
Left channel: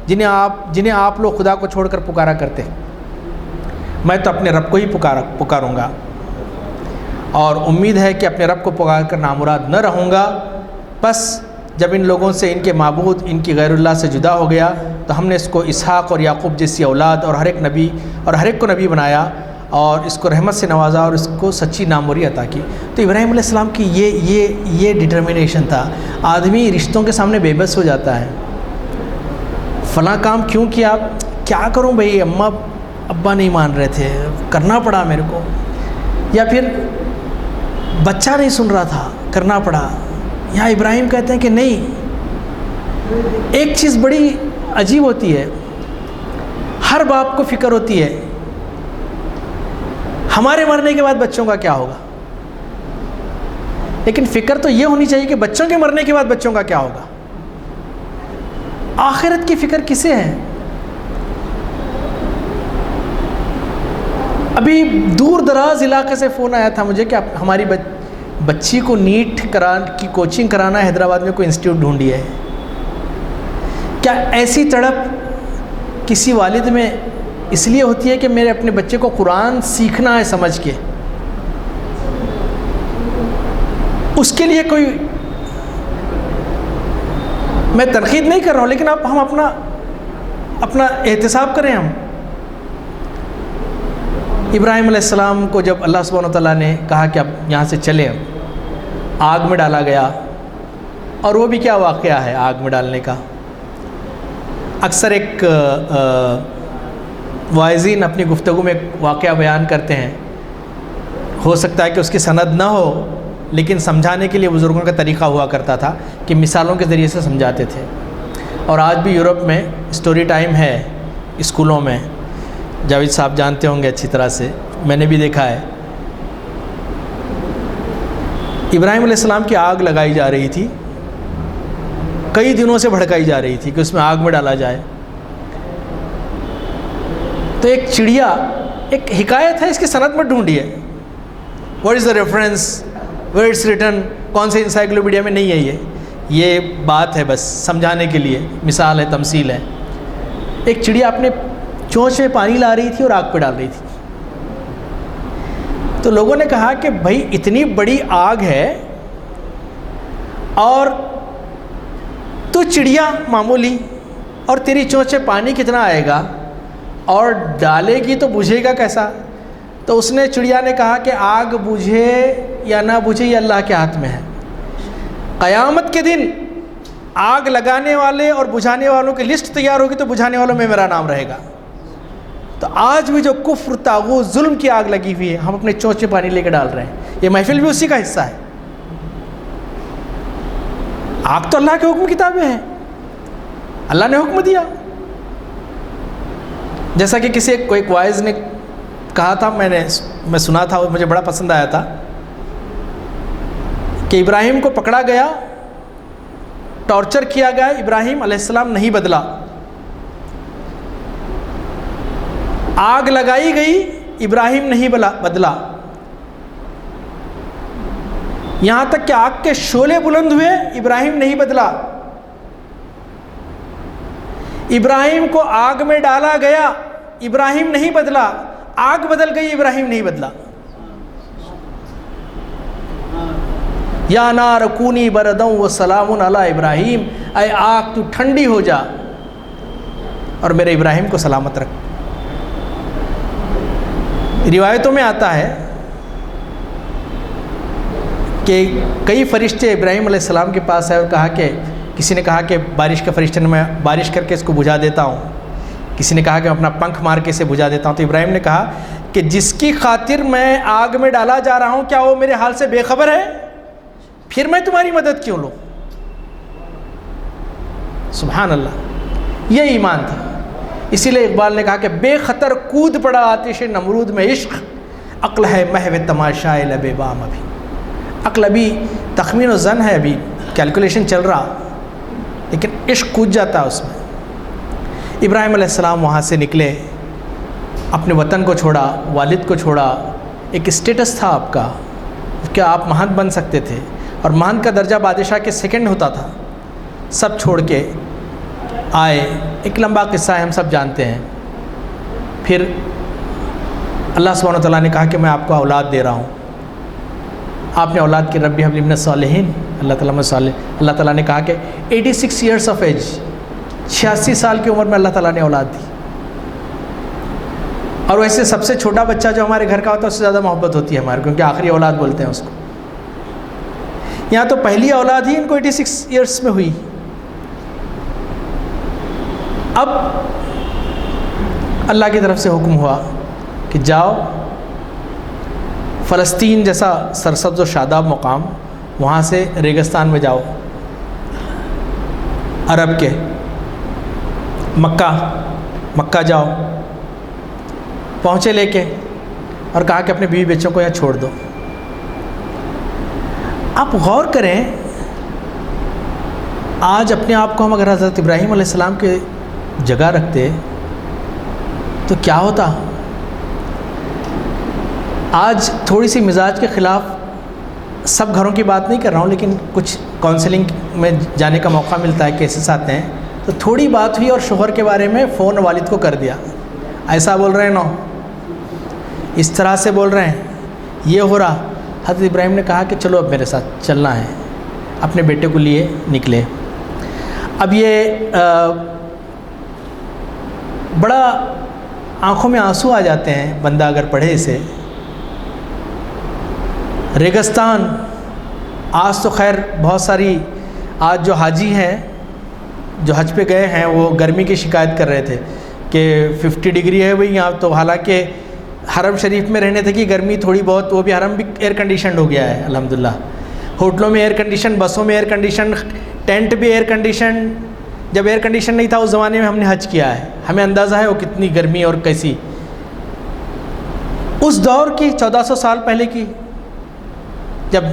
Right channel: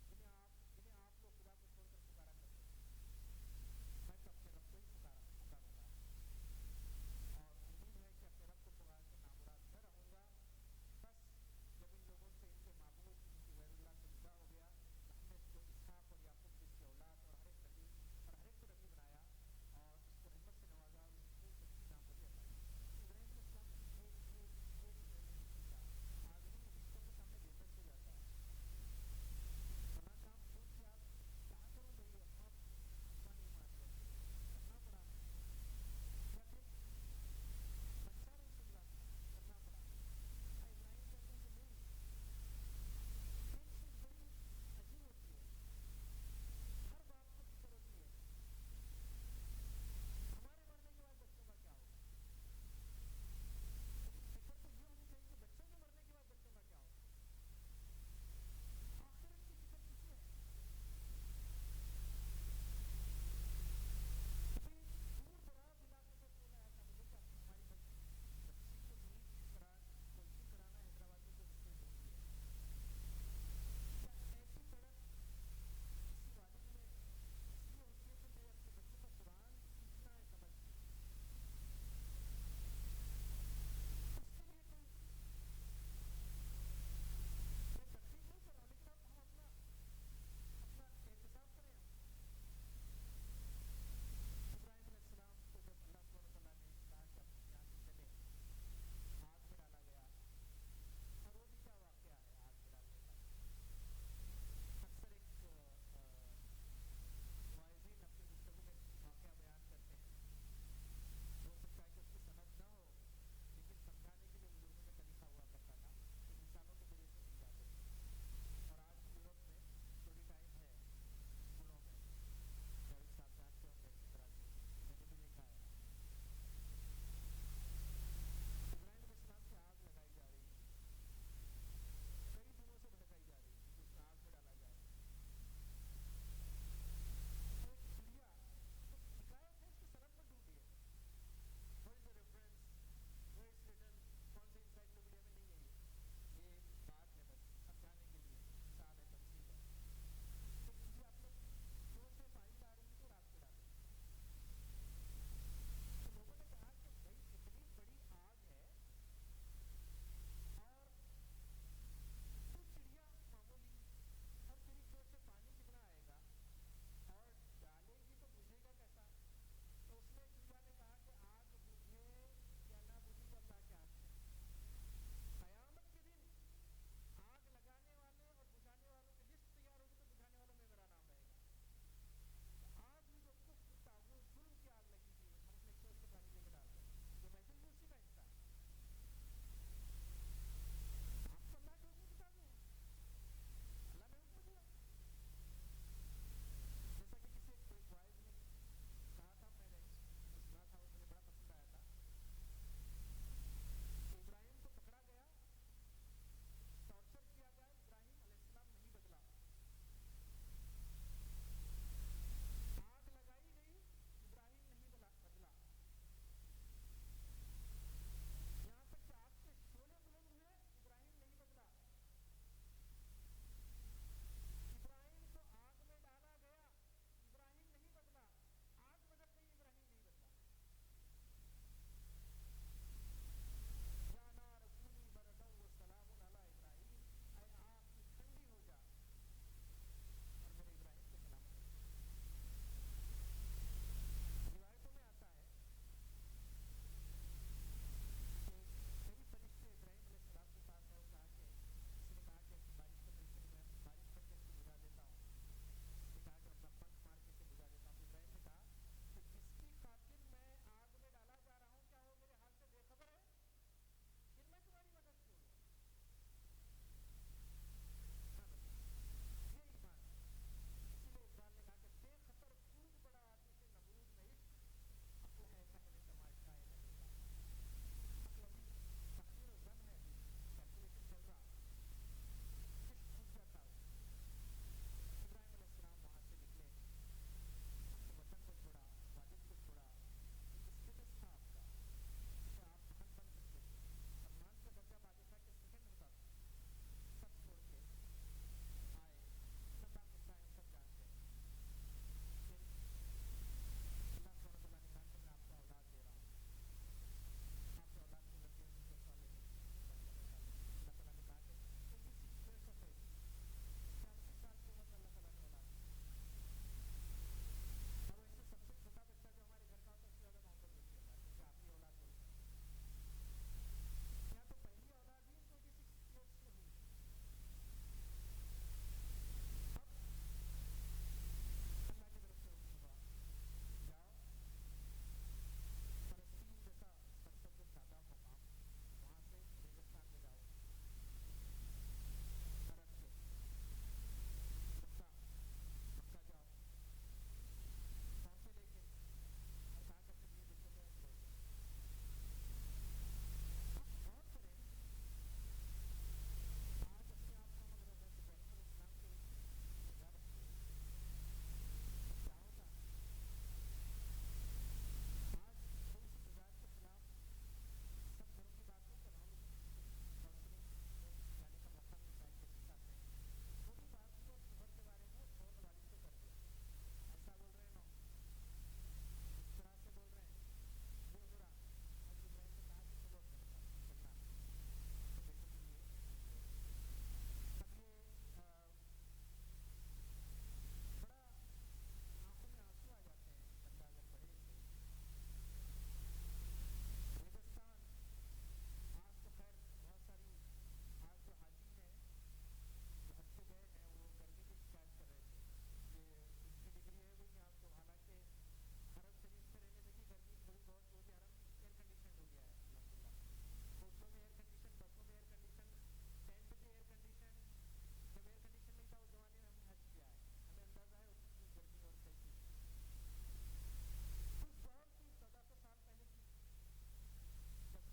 جنہیں آپ لوگ خدا کو چھوڑ کر پکارا کرتے، میں تو اپنے رب کو ہی پکاروں گا، اور امید ہے کہ اپنے رب کو پکار کر نامراد نہ رہوں گا۔ بس جب ان لوگوں سے، ان کے معبود، ان کی غیر اللہ سے جدا ہو گیا تو ہم نے اس کو اسحاق اور یعقوب جیسی اولاد اور ہر ایک کو نبی بنایا، اور اس کو رحمت سے نوازا اور اس کو سچی ناموری عطا کی۔ تو ابراہیم علیہ السلام کی یہ ڈٹرمنیشن تھا۔ آدمی رشتوں کے سامنے بے بس ہو جاتا ہے، فلاں کام کیوں کیا، کیا کروں بھائی، اماں ابا نہیں مان رہے تھے، کرنا پڑا میرے کو، یا پھر بچہ نہیں سن رہا تھا، کرنا پڑا۔ یہاں ابراہیم کہتے ہیں کہ نہیں، ایک چیز بڑی عجیب ہوتی ہے، ہر باپ کو فکر ہوتی ہے ہمارے مرنے کے بعد بچوں کا کیا ہوگا، لیکن فکر تو یہ ہونی چاہیے کہ بچوں کے مرنے کے بعد بچوں کا کیا ہوگا۔ آخرت کی فکر کسے ہے؟ ابھی دور دراز علاقے سے فون آیا تھا مجھے کہ ہماری بچی کو نیٹ کی کوچنگ کرانا ہے، حیدرآباد میں کوئی انسٹیٹیوٹ ڈھونڈی ہے۔ کیا ایسی تڑپ کسی والد میں اس لیے ہوتی ہے کہ میرے اپنے بچے کو قرآن سیکھنا ہے سمجھ کے؟ اس کے لیے کوئی، میں تنقید نہیں کر رہا ہوں، لیکن ہم اپنا احتساب کریں۔ ہم ابراہیم علیہ السلام کو جب اللہ سبحانہ وتعالیٰ نے کہا کہ اب یہاں سے چلے، آگ میں ڈالا گیا، اور وہ بھی کیا واقعہ ہے آگ میں ڈالنے کا۔ اکثر ایک واعظین اپنی گفتگو میں ایک واقعہ بیان کرتے ہیں، ہو سکتا ہے کہ اس کی سند نہ ہو، لیکن سمجھانے کے لیے بزرگوں کا طریقہ ہوا کرتا تھا کہ مثالوں کے ذریعے سے سمجھاتے تھے۔ اور آج بھی یورپ میں اسٹوری ٹائم ہے اسکولوں میں، جاوید صاحب جانتے ہوں گے اچھی طرح سے، میں نے بھی دیکھا ہے۔ ابراہیم علیہ السلام کی آگ لگائی جا رہی تھی، کئی دنوں سے بھڑکائی جا رہی تھی کہ اس میں آگ میں ڈالا جائے۔ تو ایک چڑیا، ایک حکایت ہے، اس کی سند میں ڈھونڈی ہے، what is the reference, where it's written, کون سے انسائکلوپیڈیا میں نہیں ہے، یہ بات ہے بس سمجھانے کے لیے، مثال ہے، تمثیل ہے۔ ایک چڑیا اپنے چونچ میں پانی لا رہی تھی اور آگ پہ ڈال رہی تھی۔ تو لوگوں نے کہا کہ بھائی اتنی بڑی آگ ہے اور تو چڑیا معمولی، اور تیری چونچ میں پانی کتنا آئے گا، اور ڈالے گی تو بجھے گا کیسا؟ تو اس نے، چڑیا نے کہا کہ آگ بجھے یا نہ بجھے یہ اللہ کے ہاتھ میں ہے۔ قیامت کے دن آگ لگانے والے اور بجھانے والوں کی لسٹ تیار ہوگی تو بجھانے والوں میں میرا نام رہے گا۔ تو آج بھی جو کفر، طاغوت، ظلم کی آگ لگی ہوئی ہے، ہم اپنے چونچ میں پانی لے کے ڈال رہے ہیں۔ یہ محفل بھی اسی کا حصہ ہے۔ آگ تو اللہ کے حکم کتابیں ہیں، اللہ نے حکم دیا۔ جیسا کہ ایک واعظ نے کہا تھا، میں سنا تھا، مجھے بڑا پسند آیا تھا کہ ابراہیم کو پکڑا گیا، ٹارچر کیا گیا، ابراہیم علیہ السلام نہیں بدلا، آگ لگائی گئی، ابراہیم نہیں بدلا، یہاں تک کہ آگ کے شعلے بلند ہوئے، ابراہیم نہیں بدلا، ابراہیم کو آگ میں ڈالا گیا، ابراہیم نہیں بدلا، آگ بدل گئی، ابراہیم نہیں بدلا۔ یا نار کونی بردوں وسلام علی ابراہیم، اے آگ تو ٹھنڈی ہو جا اور میرے ابراہیم کو سلامت رکھ۔ روایتوں میں آتا ہے کہ کئی فرشتے ابراہیم علیہ السلام کے پاس آئے اور کہا کہ کسی نے کہا کہ بارش کا فرشتہ نے، میں بارش کر کے اس کو بجھا دیتا ہوں، کسی نے کہا کہ میں اپنا پنکھ مار کے اسے بجھا دیتا ہوں، تو ابراہیم نے کہا کہ جس کی خاطر میں آگ میں ڈالا جا رہا ہوں کیا وہ میرے حال سے بے خبر ہے؟ پھر میں تمہاری مدد کیوں لوں؟ سبحان اللہ، یہ ایمان تھا۔ اسی لیے اقبال نے کہا کہ بے خطر کود پڑا آتش نمرود میں عشق، عقل ہے محو تماشائے لب بام۔ ابھی عقل ابھی تخمین و ظن ہے، ابھی کیلکولیشن چل رہا، لیکن عشق کود جاتا ہے اس میں۔ ابراہیم علیہ السلام وہاں سے نکلے، اپنے وطن کو چھوڑا، والد کو چھوڑا، ایک اسٹیٹس تھا آپ کا کہ آپ مہنت بن سکتے تھے، اور مہنت کا درجہ بادشاہ کے سیکنڈ ہوتا تھا، سب چھوڑ کے آئے۔ ایک لمبا قصہ ہے، ہم سب جانتے ہیں۔ پھر اللہ سبحانہ وتعالیٰ نے کہا کہ میں آپ کو اولاد دے رہا ہوں، آپ نے اولاد کی، ربی ہب لی من الصالحین، اللہ تعالیٰ میں صالح، اللہ تعالیٰ نے کہا کہ 86 ایئرس آف ایج، 86 سال کی عمر میں اللہ تعالیٰ نے اولاد دی۔ اور ویسے سب سے چھوٹا بچہ جو ہمارے گھر کا ہوتا ہے اس سے زیادہ محبت ہوتی ہے ہمارے، کیونکہ آخری اولاد بولتے ہیں اس کو۔ یہاں تو پہلی اولاد ہی ان کو 86 ایئرس میں ہوئی۔ اب اللہ کی طرف سے حکم ہوا کہ جاؤ فلسطین جیسا سرسبز و شاداب مقام، وہاں سے ریگستان میں جاؤ، عرب کے مکہ جاؤ۔ پہنچے لے کے، اور کہا کہ اپنے بیوی بچوں کو یہاں چھوڑ دو۔ آپ غور کریں، آج اپنے آپ کو ہم اگر حضرت ابراہیم علیہ السلام کے جگہ رکھتے تو کیا ہوتا؟ آج تھوڑی سی مزاج کے خلاف، سب گھروں کی بات نہیں کر رہا ہوں، لیکن کچھ کونسلنگ میں جانے کا موقع ملتا ہے، کیسز آتے ہیں، تو تھوڑی بات ہوئی اور شوہر کے بارے میں فون والد کو کر دیا، ایسا بول رہے ہیں، نو اس طرح سے بول رہے ہیں، یہ ہو رہا۔ حضرت ابراہیم نے کہا کہ چلو اب میرے ساتھ چلنا ہے، اپنے بیٹے کو لیے نکلے۔ اب یہ بڑا آنکھوں میں آنسو آ جاتے ہیں بندہ اگر پڑھے اسے۔ ریگستان، آج تو خیر بہت ساری، آج جو حاجی ہیں جو حج پہ گئے ہیں وہ گرمی کی شکایت کر رہے تھے کہ 50 ڈگری ہے بھئی یہاں، تو حالانکہ حرم شریف میں رہنے تھے کہ گرمی تھوڑی بہت، وہ بھی حرم بھی ایئر کنڈیشنڈ ہو گیا ہے الحمدللہ، ہوٹلوں میں ایئر کنڈیشن، بسوں میں ایئر کنڈیشن، ٹینٹ بھی ایئر کنڈیشن۔ جب ایئر کنڈیشن نہیں تھا اس زمانے میں ہم نے حج کیا ہے، ہمیں اندازہ ہے وہ کتنی گرمی اور کیسی اس دور کی، 1400 سال پہلے کی، جب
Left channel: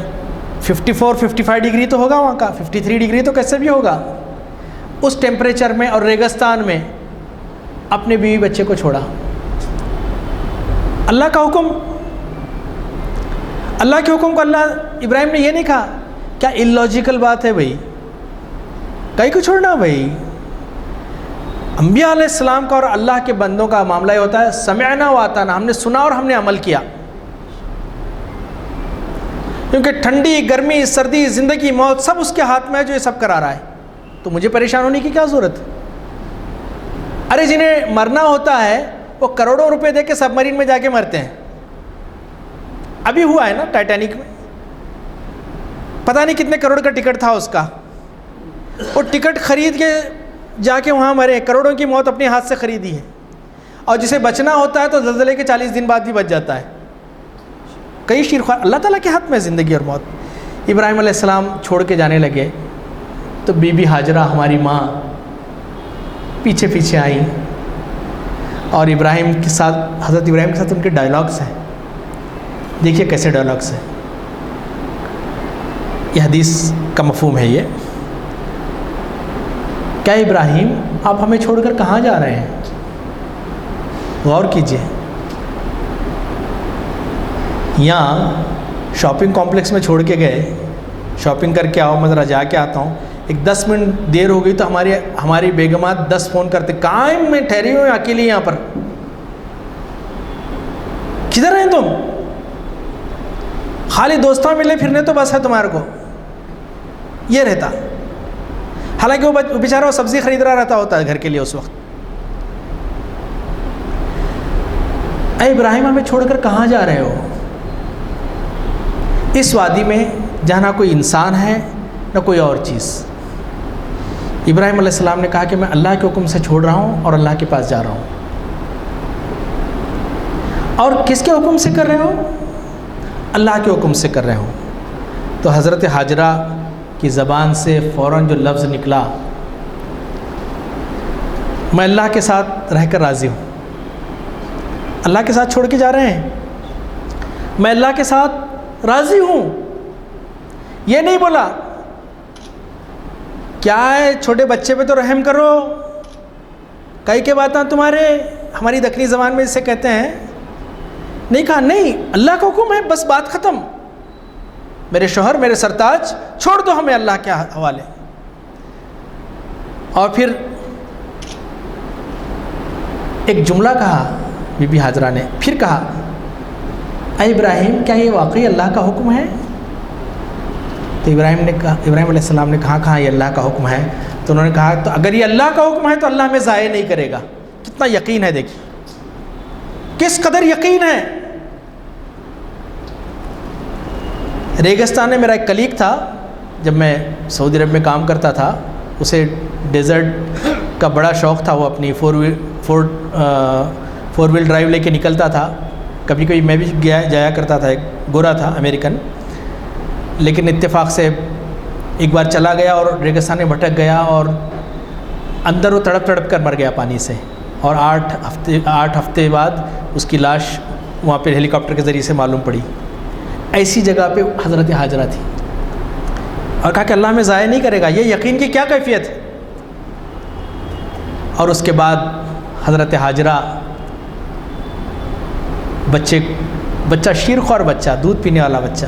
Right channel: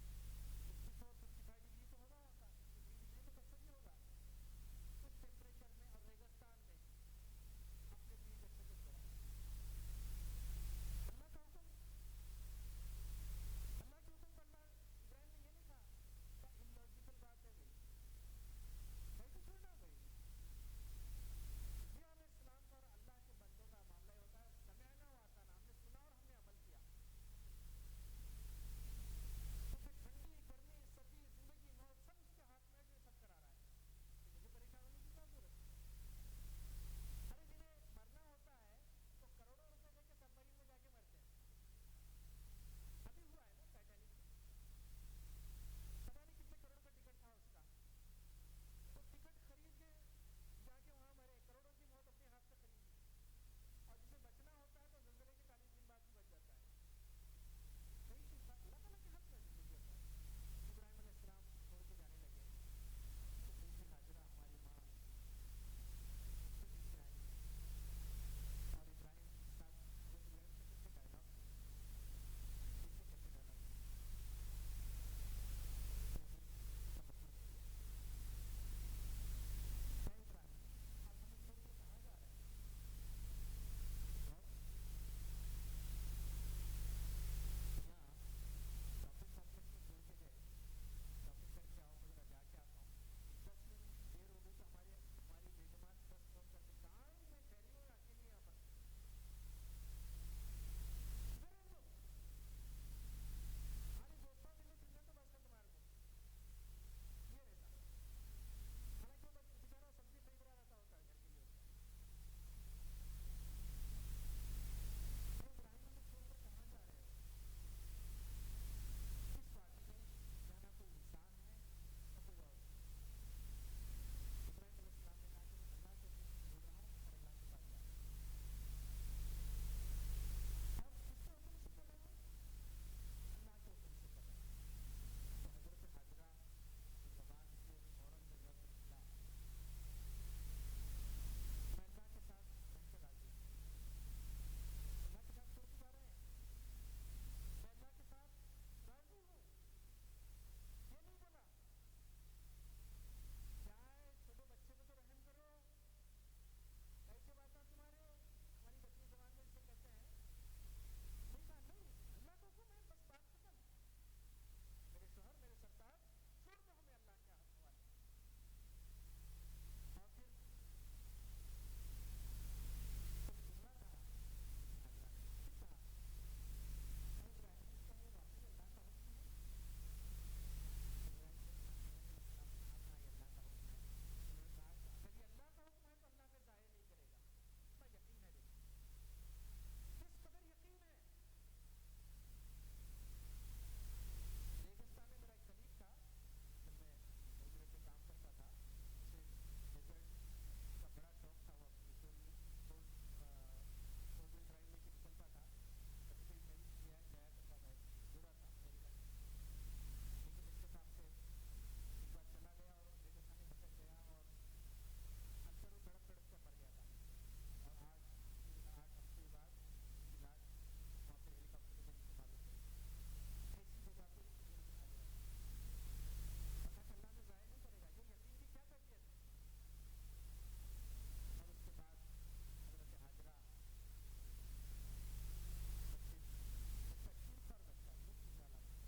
54-55 ڈگری تو ہوگا وہاں کا، 53 ڈگری تو کیسے بھی ہوگا، اس ٹیمپریچر میں اور ریگستان میں اپنے بیوی بچے کو چھوڑا۔ اللہ کا حکم، اللہ کے حکم کو اللہ ابراہیم نے یہ نہیں کہا، کیا اللاجیکل بات ہے بھائی، کہیں کو چھوڑنا بھائی؟ انبیاء علیہ السلام کا اور اللہ کے بندوں کا معاملہ یہ ہوتا ہے، سمعنا و اطعنا، ہم نے سنا اور ہم نے عمل کیا، کیونکہ ٹھنڈی، گرمی، سردی، زندگی، موت سب اس کے ہاتھ میں ہے جو یہ سب کرا رہا ہے، تو مجھے پریشان ہونے کی کیا ضرورت؟ ارے جنہیں مرنا ہوتا ہے وہ کروڑوں روپے دے کے سب مرین میں جا کے مرتے ہیں۔ ابھی ہوا ہے نا ٹائٹینک میں، پتہ نہیں کتنے کروڑ کا ٹکٹ تھا اس کا، وہ ٹکٹ خرید کے جا کے وہاں مرے، کروڑوں کی موت اپنے ہاتھ سے خریدی ہے، اور جسے بچنا ہوتا ہے تو زلزلے کے 40 دن بعد ہی بچ جاتا ہے۔ کئی شیرخوار، اللہ تعالیٰ کے ہاتھ میں زندگی اور موت۔ ابراہیم علیہ السلام چھوڑ کے جانے لگے تو بی بی ہاجرہ ہماری ماں پیچھے پیچھے آئیں، اور ابراہیم کے ساتھ، حضرت ابراہیم کے ساتھ ان کے ڈائلاگس ہیں. دیکھیے کیسے ڈائلاگس ہیں. یہ حدیث کا مفہوم ہے. یہ کیا ابراہیم آپ ہمیں چھوڑ کر کہاں جا رہے ہیں؟ غور کیجیے. یہاں شاپنگ کمپلیکس میں چھوڑ کے گئے، شاپنگ کر کے آؤ، میں ذرا جا کے آتا ہوں. ایک 10 منٹ دیر ہو گئی تو ہماری بیگمات 10 فون کرتے، کہاں میں ٹھہری ہوں اکیلی یہاں پر، کدھر ہیں تم؟ خالی دوستوں ملے پھرنے تو بس ہے تمہارے کو. یہ رہتا. حالانکہ وہ بیچارہ وہ سبزی خرید رہا رہتا ہوتا ہے گھر کے لیے اس وقت. اے ابراہیم ہمیں چھوڑ کر کہاں جا رہے ہو؟ اس وادی میں جہاں نہ کوئی انسان ہے نہ کوئی اور چیز. ابراہیم علیہ السلام نے کہا کہ میں اللہ کے حکم سے چھوڑ رہا ہوں اور اللہ کے پاس جا رہا ہوں. اور کس کے حکم سے کر رہے ہو؟ اللہ کے حکم سے کر رہے ہوں. تو حضرت حاجرہ کی زبان سے فوراً جو لفظ نکلا، میں اللہ کے ساتھ رہ کر راضی ہوں. اللہ کے ساتھ چھوڑ کے جا رہے ہیں، میں اللہ کے ساتھ راضی ہوں. یہ نہیں بولا کیا ہے چھوٹے بچے پہ تو رحم کرو، کئی کے باتاں تمہارے، ہماری دکنی زبان میں اسے کہتے ہیں. نہیں کہا نہیں، اللہ کا حکم ہے، بس بات ختم. میرے شوہر، میرے سرتاج، چھوڑ دو ہمیں اللہ کے حوالے. اور پھر ایک جملہ کہا بی بی حاجرہ نے، پھر کہا اے ابراہیم کیا یہ واقعی اللہ کا حکم ہے؟ تو ابراہیم علیہ السلام نے کہا یہ اللہ کا حکم ہے. تو انہوں نے کہا تو اگر یہ اللہ کا حکم ہے تو اللہ ہمیں ضائع نہیں کرے گا. کتنا یقین ہے، دیکھیے کس قدر یقین ہے. ریگستان میں میرا ایک کلیگ تھا، جب میں سعودی عرب میں کام کرتا تھا، اسے ڈیزرٹ کا بڑا شوق تھا. وہ اپنی فور ویل ڈرائیو لے کے نکلتا تھا. کبھی کبھی میں بھی جایا کرتا تھا. ایک گورا تھا امریکن، لیکن اتفاق سے ایک بار چلا گیا اور ریگستان میں بھٹک گیا اور اندر وہ تڑپ کر مر گیا پانی سے. اور 8 ہفتے بعد اس کی لاش وہاں پہ ہیلی کاپٹر کے ذریعے سے معلوم پڑی. ایسی جگہ پہ حضرت حاجرہ تھی اور کہا کہ اللہ ہمیں ضائع نہیں کرے گا. یہ یقین کی کیا کیفیت ہے. اور اس کے بعد حضرت حاجرہ بچہ شیرخوار بچہ، دودھ پینے والا بچہ.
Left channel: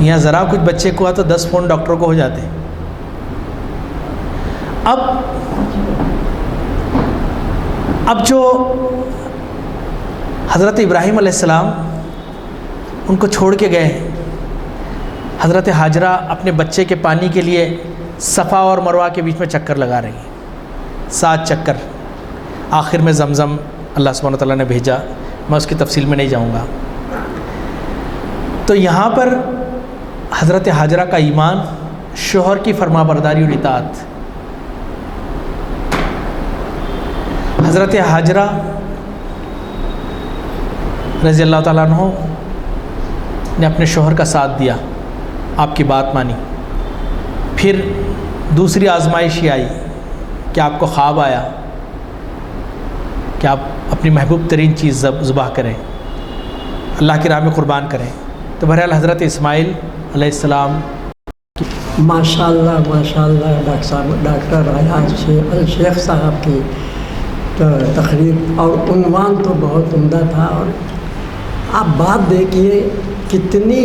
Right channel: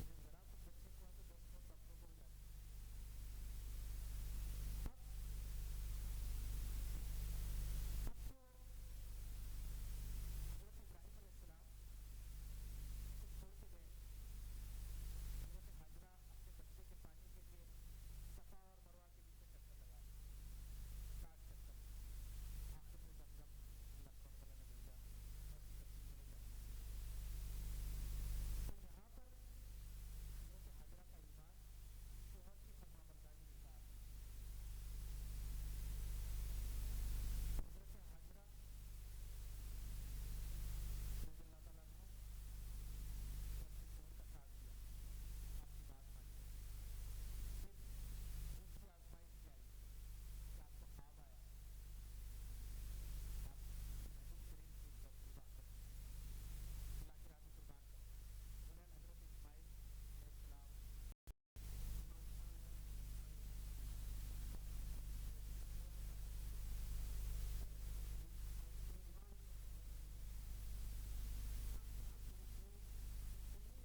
یہاں ذرا کچھ بچے کو ہوا تو 10 فون ڈاکٹر کو ہو جاتے. اب جو حضرت ابراہیم علیہ السلام ان کو چھوڑ کے گئے، حضرت حاجرہ اپنے بچے کے پانی کے لیے صفا اور مروہ کے بیچ میں چکر لگا رہی ہیں، 7 چکر. آخر میں زمزم اللہ سبحانہ وتعالیٰ نے بھیجا. میں اس کی تفصیل میں نہیں جاؤں گا. تو یہاں پر حضرت حاجرہ کا ایمان، شوہر کی فرما برداری اور اطاعت. حضرت حاجرہ رضی اللہ تعالیٰ عنہ نے اپنے شوہر کا ساتھ دیا، آپ کی بات مانی. پھر دوسری آزمائش یہ آئی کہ آپ کو خواب آیا کہ آپ اپنی محبوب ترین چیز ذبح کریں، اللہ کی راہ میں قربان کریں. تو بہرحال حضرت اسماعیل علیہ السلام ماشاءاللہ ڈاکٹر ایاز الشیخ صاحب کی تقریر اور عنوان تو بہت عمدہ تھا. اور آپ بات دیکھیے کتنی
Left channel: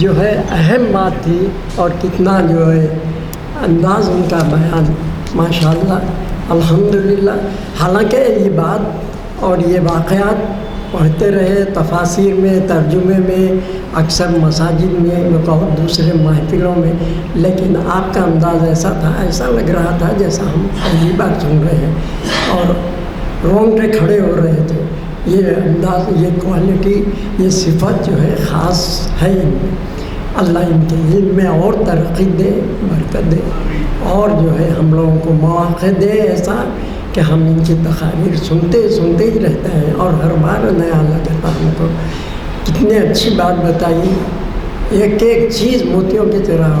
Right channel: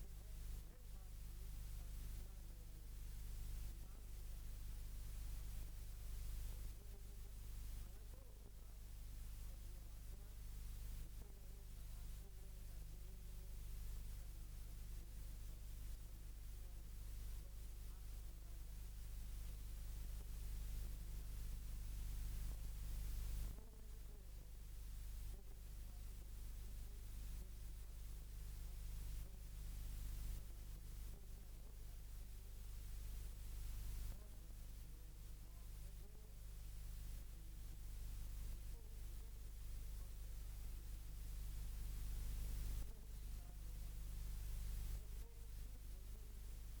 جو ہے اہم بات تھی اور کتنا جو ہے انداز ان کا بیان، ماشاءاللہ الحمدللہ. حالانکہ یہ بات اور یہ واقعات پڑھتے رہے تفاسیر میں، ترجمے میں، اکثر مساجد میں، بہت دوسرے محفلوں میں، لیکن آپ کا انداز ایسا تھا، ایسا لگ رہا تھا جیسا ہم پہلی بار سن رہے ہیں اور رونگٹے کھڑے ہو رہے تھے. یہ انداز، یہ کوالٹی، یہ صفت جو ہے خاص ہے ان میں. اللہ ان کے علم میں اور ترقی دے، برکت دے، اور جو ہے ہم لوگوں کو مواقع دے ایسا کہ ہم ان کی تقاریر سنتے ہی رہتے ہیں اور ہر بار نیا لگتا ہم کو. کتنی اچھی بات بتائی، ایک ایک چیز موتیوں کی طرح،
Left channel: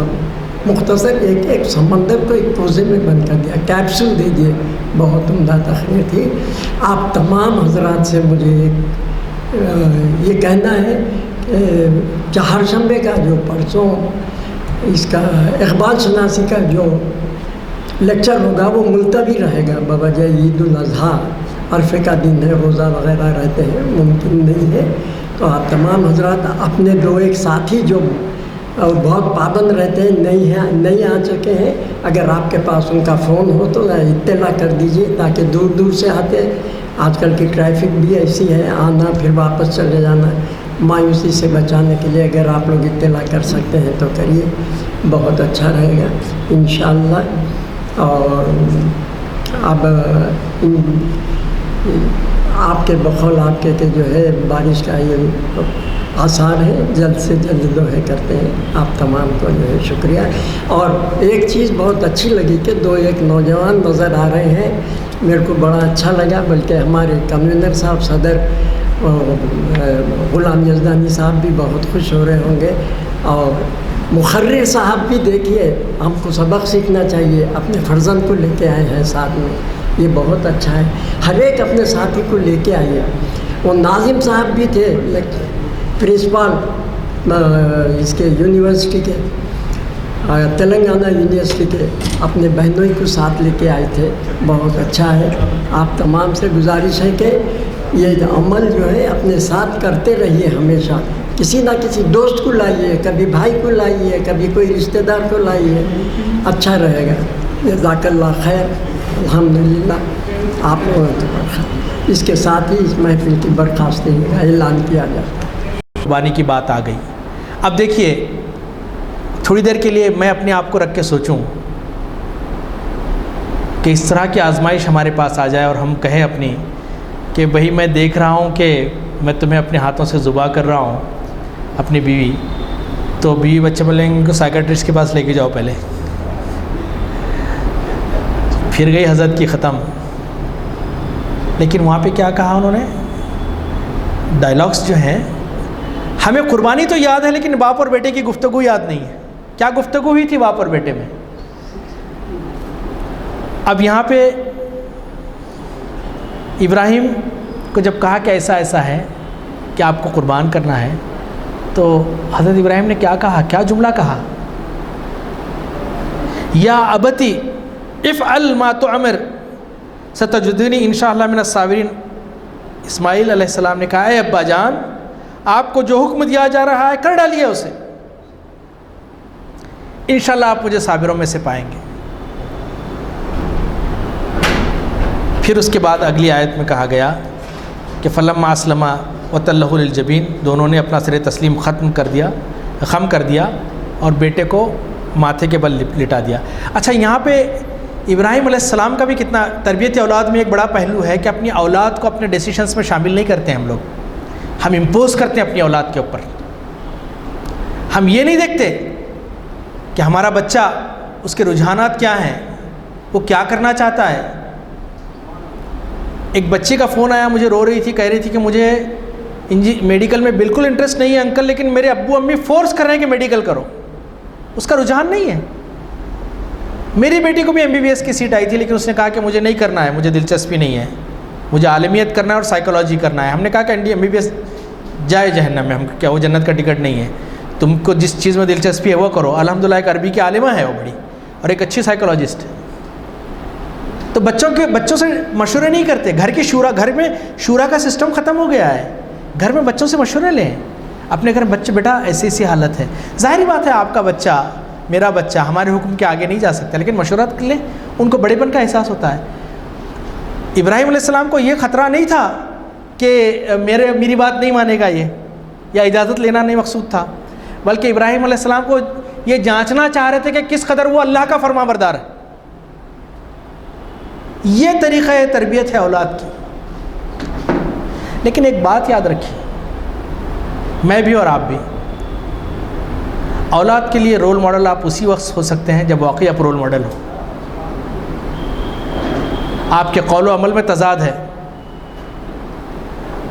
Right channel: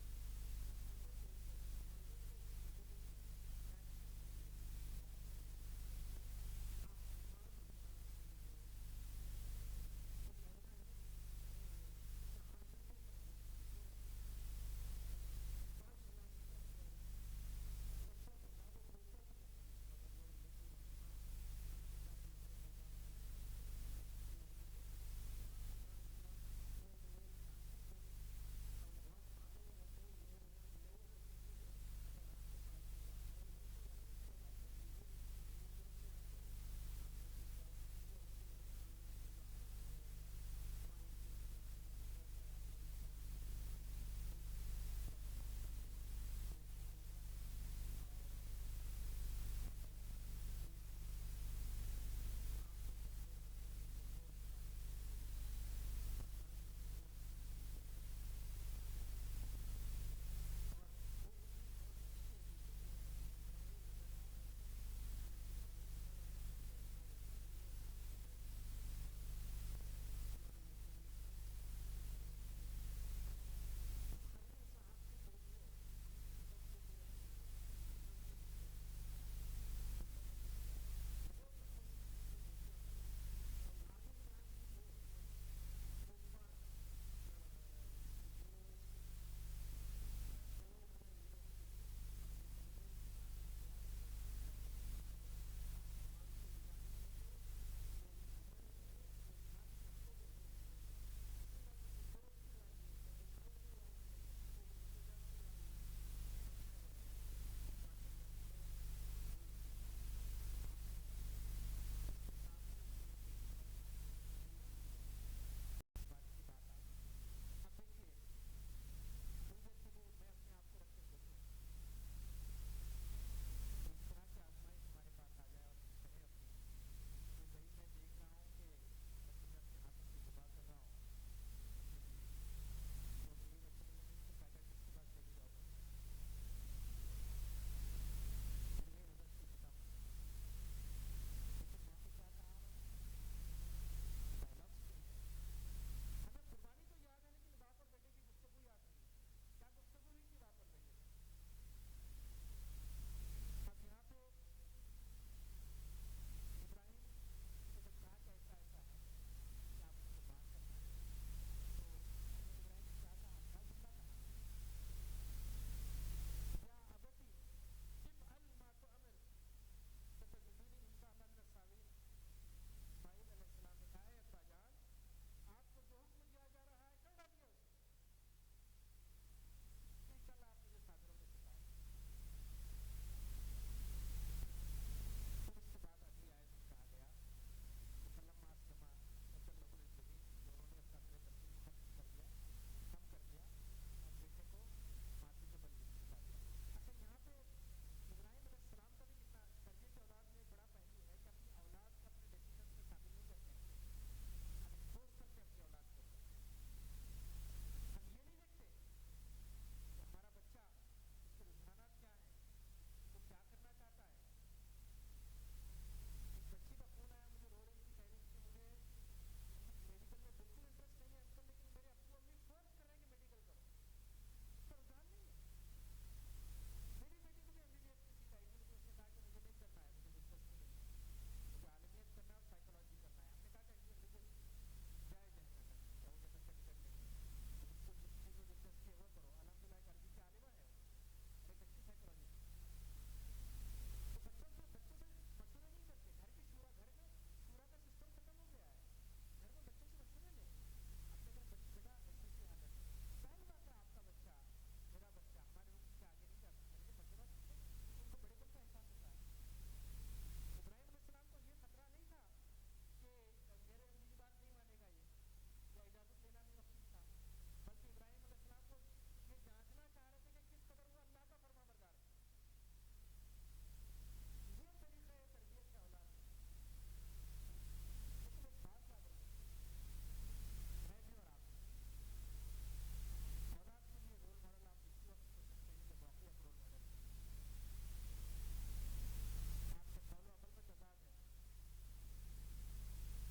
مختصر ایک سمندر کو ایک کوزے میں بند کر دیا، کیپسول دے دیے بہت عمدہ تقریر تھی. آپ تمام حضرات سے مجھے یہ کہنا ہے کہ چہارشنبے کا جو پرسوں اس کا اقبال شناسی کا جو لیکچر ہوگا وہ ملتوی رہے گا بوجہ عید الاضحیٰ. عرفے کا دن ہے، روزہ وغیرہ رہتے ہیں، ممکن نہیں ہے. تو آپ تمام حضرات اپنے دو ایک ساتھی جو بہت پابند رہتے ہیں نہیں آ چکے ہیں، اگر آپ کے پاس ان کا فون ہو تو اطلاع کر دیجیے تاکہ دور دور سے آتے. آج کل کی ٹریفک بھی ایسی ہے، آنا پھر واپس چلے جانا، مایوسی سے بچانے کے لیے اگر آپ لوگ اطلاع کر سکتے ہیں تو کریے، بہت اچھا رہے گا انشاءاللہ. اور اب آپ کے بقول آپ کے کہ جو ہے بارش کا یہ آثار ہے، جلد سے جلد دعائیں کرتے ہیں. آپ تمام کو جو ہے شکریہ. اور ایک چیز بہت اچھی لگی کہ دو ایک نوجوان نظر آ رہے ہیں، میرے کو بڑا اچھا لگا. بلکہ ہمارے کنوینر صاحب صدر غلام یزدانی صاحب بھی بہت خوش ہو رہے ہوں گے. اور مقرر صاحب بھی دیکھیے، ہم کو سبق سیکھنا چاہیے، اپنے فرزند کو لے کے آئے ہیں ساتھ میں، یہ بہت اچھا ہے. ہر ایک اپنے ساتھی کو لے کے آئیے. وہ ناظم صاحب بھی تھے پرنسپل اس کے یونیورسٹی کے، تلنگانہ یونیورسٹی کے، اپنے بہنوں کو ساتھ لے کے آئے تھے، بہت اچھا ہے. آپ تمام سے گزارش ہے کہ یہ عمل جو ہے اپنے ساتھ کرتے رہیے ہمیشہ. کسی نہ کسی دوست کو لائیے، کبھی بھائی کو لائیے، کبھی کوئی رشتہ دار کو لائیے، اچھا رہے گا. جزاک اللہ خیر. الحمدللہ آپ لوگوں کی برخاست، اس کے ساتھ ہی اس محفل کی برخاستی کا اعلان کیا جاتا ہے. قربانی کی بات آ گئی. اب دیکھیے، تھوڑی دیر کے لیے میں اپنے آپ کو رکھ کے سوچوں کہ اس طرح کی آزمائش ہمارے پاس آ جائے اور ہم کہیں اپنی کہ بھئی میں دیکھ رہا ہوں کہ میں تمہیں اپنے ہاتھوں سے ذبح کر رہا ہوں اپنی بیوی، تو بیوی بچے بولیں گے ان کو سائیکٹرسٹ کے پاس لے کے جاؤ پہلے. پھر گئی حضرت کی ختم. لیکن وہاں پہ کیا کہا انہوں نے؟ ڈائلاگس جو ہیں، ہمیں قربانی تو یاد ہے لیکن باپ اور بیٹے کی گفتگو یاد نہیں ہے. کیا گفتگو ہوئی تھی باپ اور بیٹے میں؟ اب یہاں پہ ابراہیم کو جب کہا کہ ایسا ایسا ہے کہ آپ کو قربان کرنا ہے، تو حضرت ابراہیم نے کیا کہا؟ کیا جملہ کہا؟ یا ابتی افعل ما تؤمر ستجدنی انشاءاللہ من الصابرین. اسماعیل علیہ السلام نے کہا، اے ابا جان، آپ کو جو حکم دیا جا رہا ہے کر ڈالیے اسے، انشاءاللہ آپ مجھے صابروں میں سے پائیں گے. پھر اس کے بعد اگلی آیت میں کہا گیا کہ فلما اسلما وتلہ للجبین، دونوں نے اپنا سر تسلیم خم کر دیا اور بیٹے کو ماتھے کے بل لٹا دیا. اچھا، یہاں پہ ابراہیم علیہ السلام کا بھی کتنا تربیت اولاد میں ایک بڑا پہلو ہے کہ اپنی اولاد کو اپنے ڈیسیشنز میں شامل نہیں کرتے ہم لوگ. ہم امپوز کرتے ہیں اپنی اولاد کے اوپر. ہم یہ نہیں دیکھتے کہ ہمارا بچہ، اس کے رجحانات کیا ہیں، وہ کیا کرنا چاہتا ہے. ایک بچے کا فون آیا، مجھے رو رہی تھی، کہہ رہی تھی کہ مجھے میڈیکل میں بالکل انٹرسٹ نہیں ہے انکل، لیکن میرے ابو امی فورس کر رہے ہیں کہ میڈیکل کرو. اس کا رجحان نہیں ہے. میری بیٹی کو بھی MBBS کی سیٹ آئی تھی، لیکن اس نے کہا کہ مجھے نہیں کرنا ہے، مجھے دلچسپی نہیں ہے، مجھے عالمیت کرنا ہے اور سائیکالوجی کرنا ہے. ہم نے کہا کہ MBBS جائے جہنم میں، ہم کیا وہ جنت کا ٹکٹ نہیں ہے. تم کو جس چیز میں دلچسپی ہے وہ کرو. الحمدللہ ایک عربی کی عالمہ ہے وہ بڑی، اور ایک اچھی سائیکالوجسٹ ہے. تو بچوں سے مشورے نہیں کرتے. گھر میں شورا کا سسٹم ختم ہو گیا ہے. گھر میں بچوں سے مشورے لیں. اپنے گھر بچے، بیٹا ایسی حالت ہے. ظاہری بات ہے آپ کا بچہ، میرا بچہ ہمارے حکم کے آگے نہیں جا سکتا، لیکن مشورہ کر لیں. ان کو بڑے پن کا احساس ہوتا ہے. ابراہیم علیہ السلام کو یہ خطرہ نہیں تھا کہ میری بات نہیں مانے گا یہ، یا اجازت لینا نہیں مقصود تھا، بلکہ ابراہیم علیہ السلام کو یہ جانچنا چاہ رہے تھے کہ کس قدر وہ اللہ کا فرما بردار ہے. یہ طریقہ تربیت ہے اولاد کی. لیکن ایک بات یاد رکھیے، میں بھی اور آپ بھی، اولاد کے لیے رول ماڈل آپ اسی وقت ہو سکتے ہیں جب واقعی آپ رول ماڈل ہو. آپ کے قول و عمل میں تضاد ہے،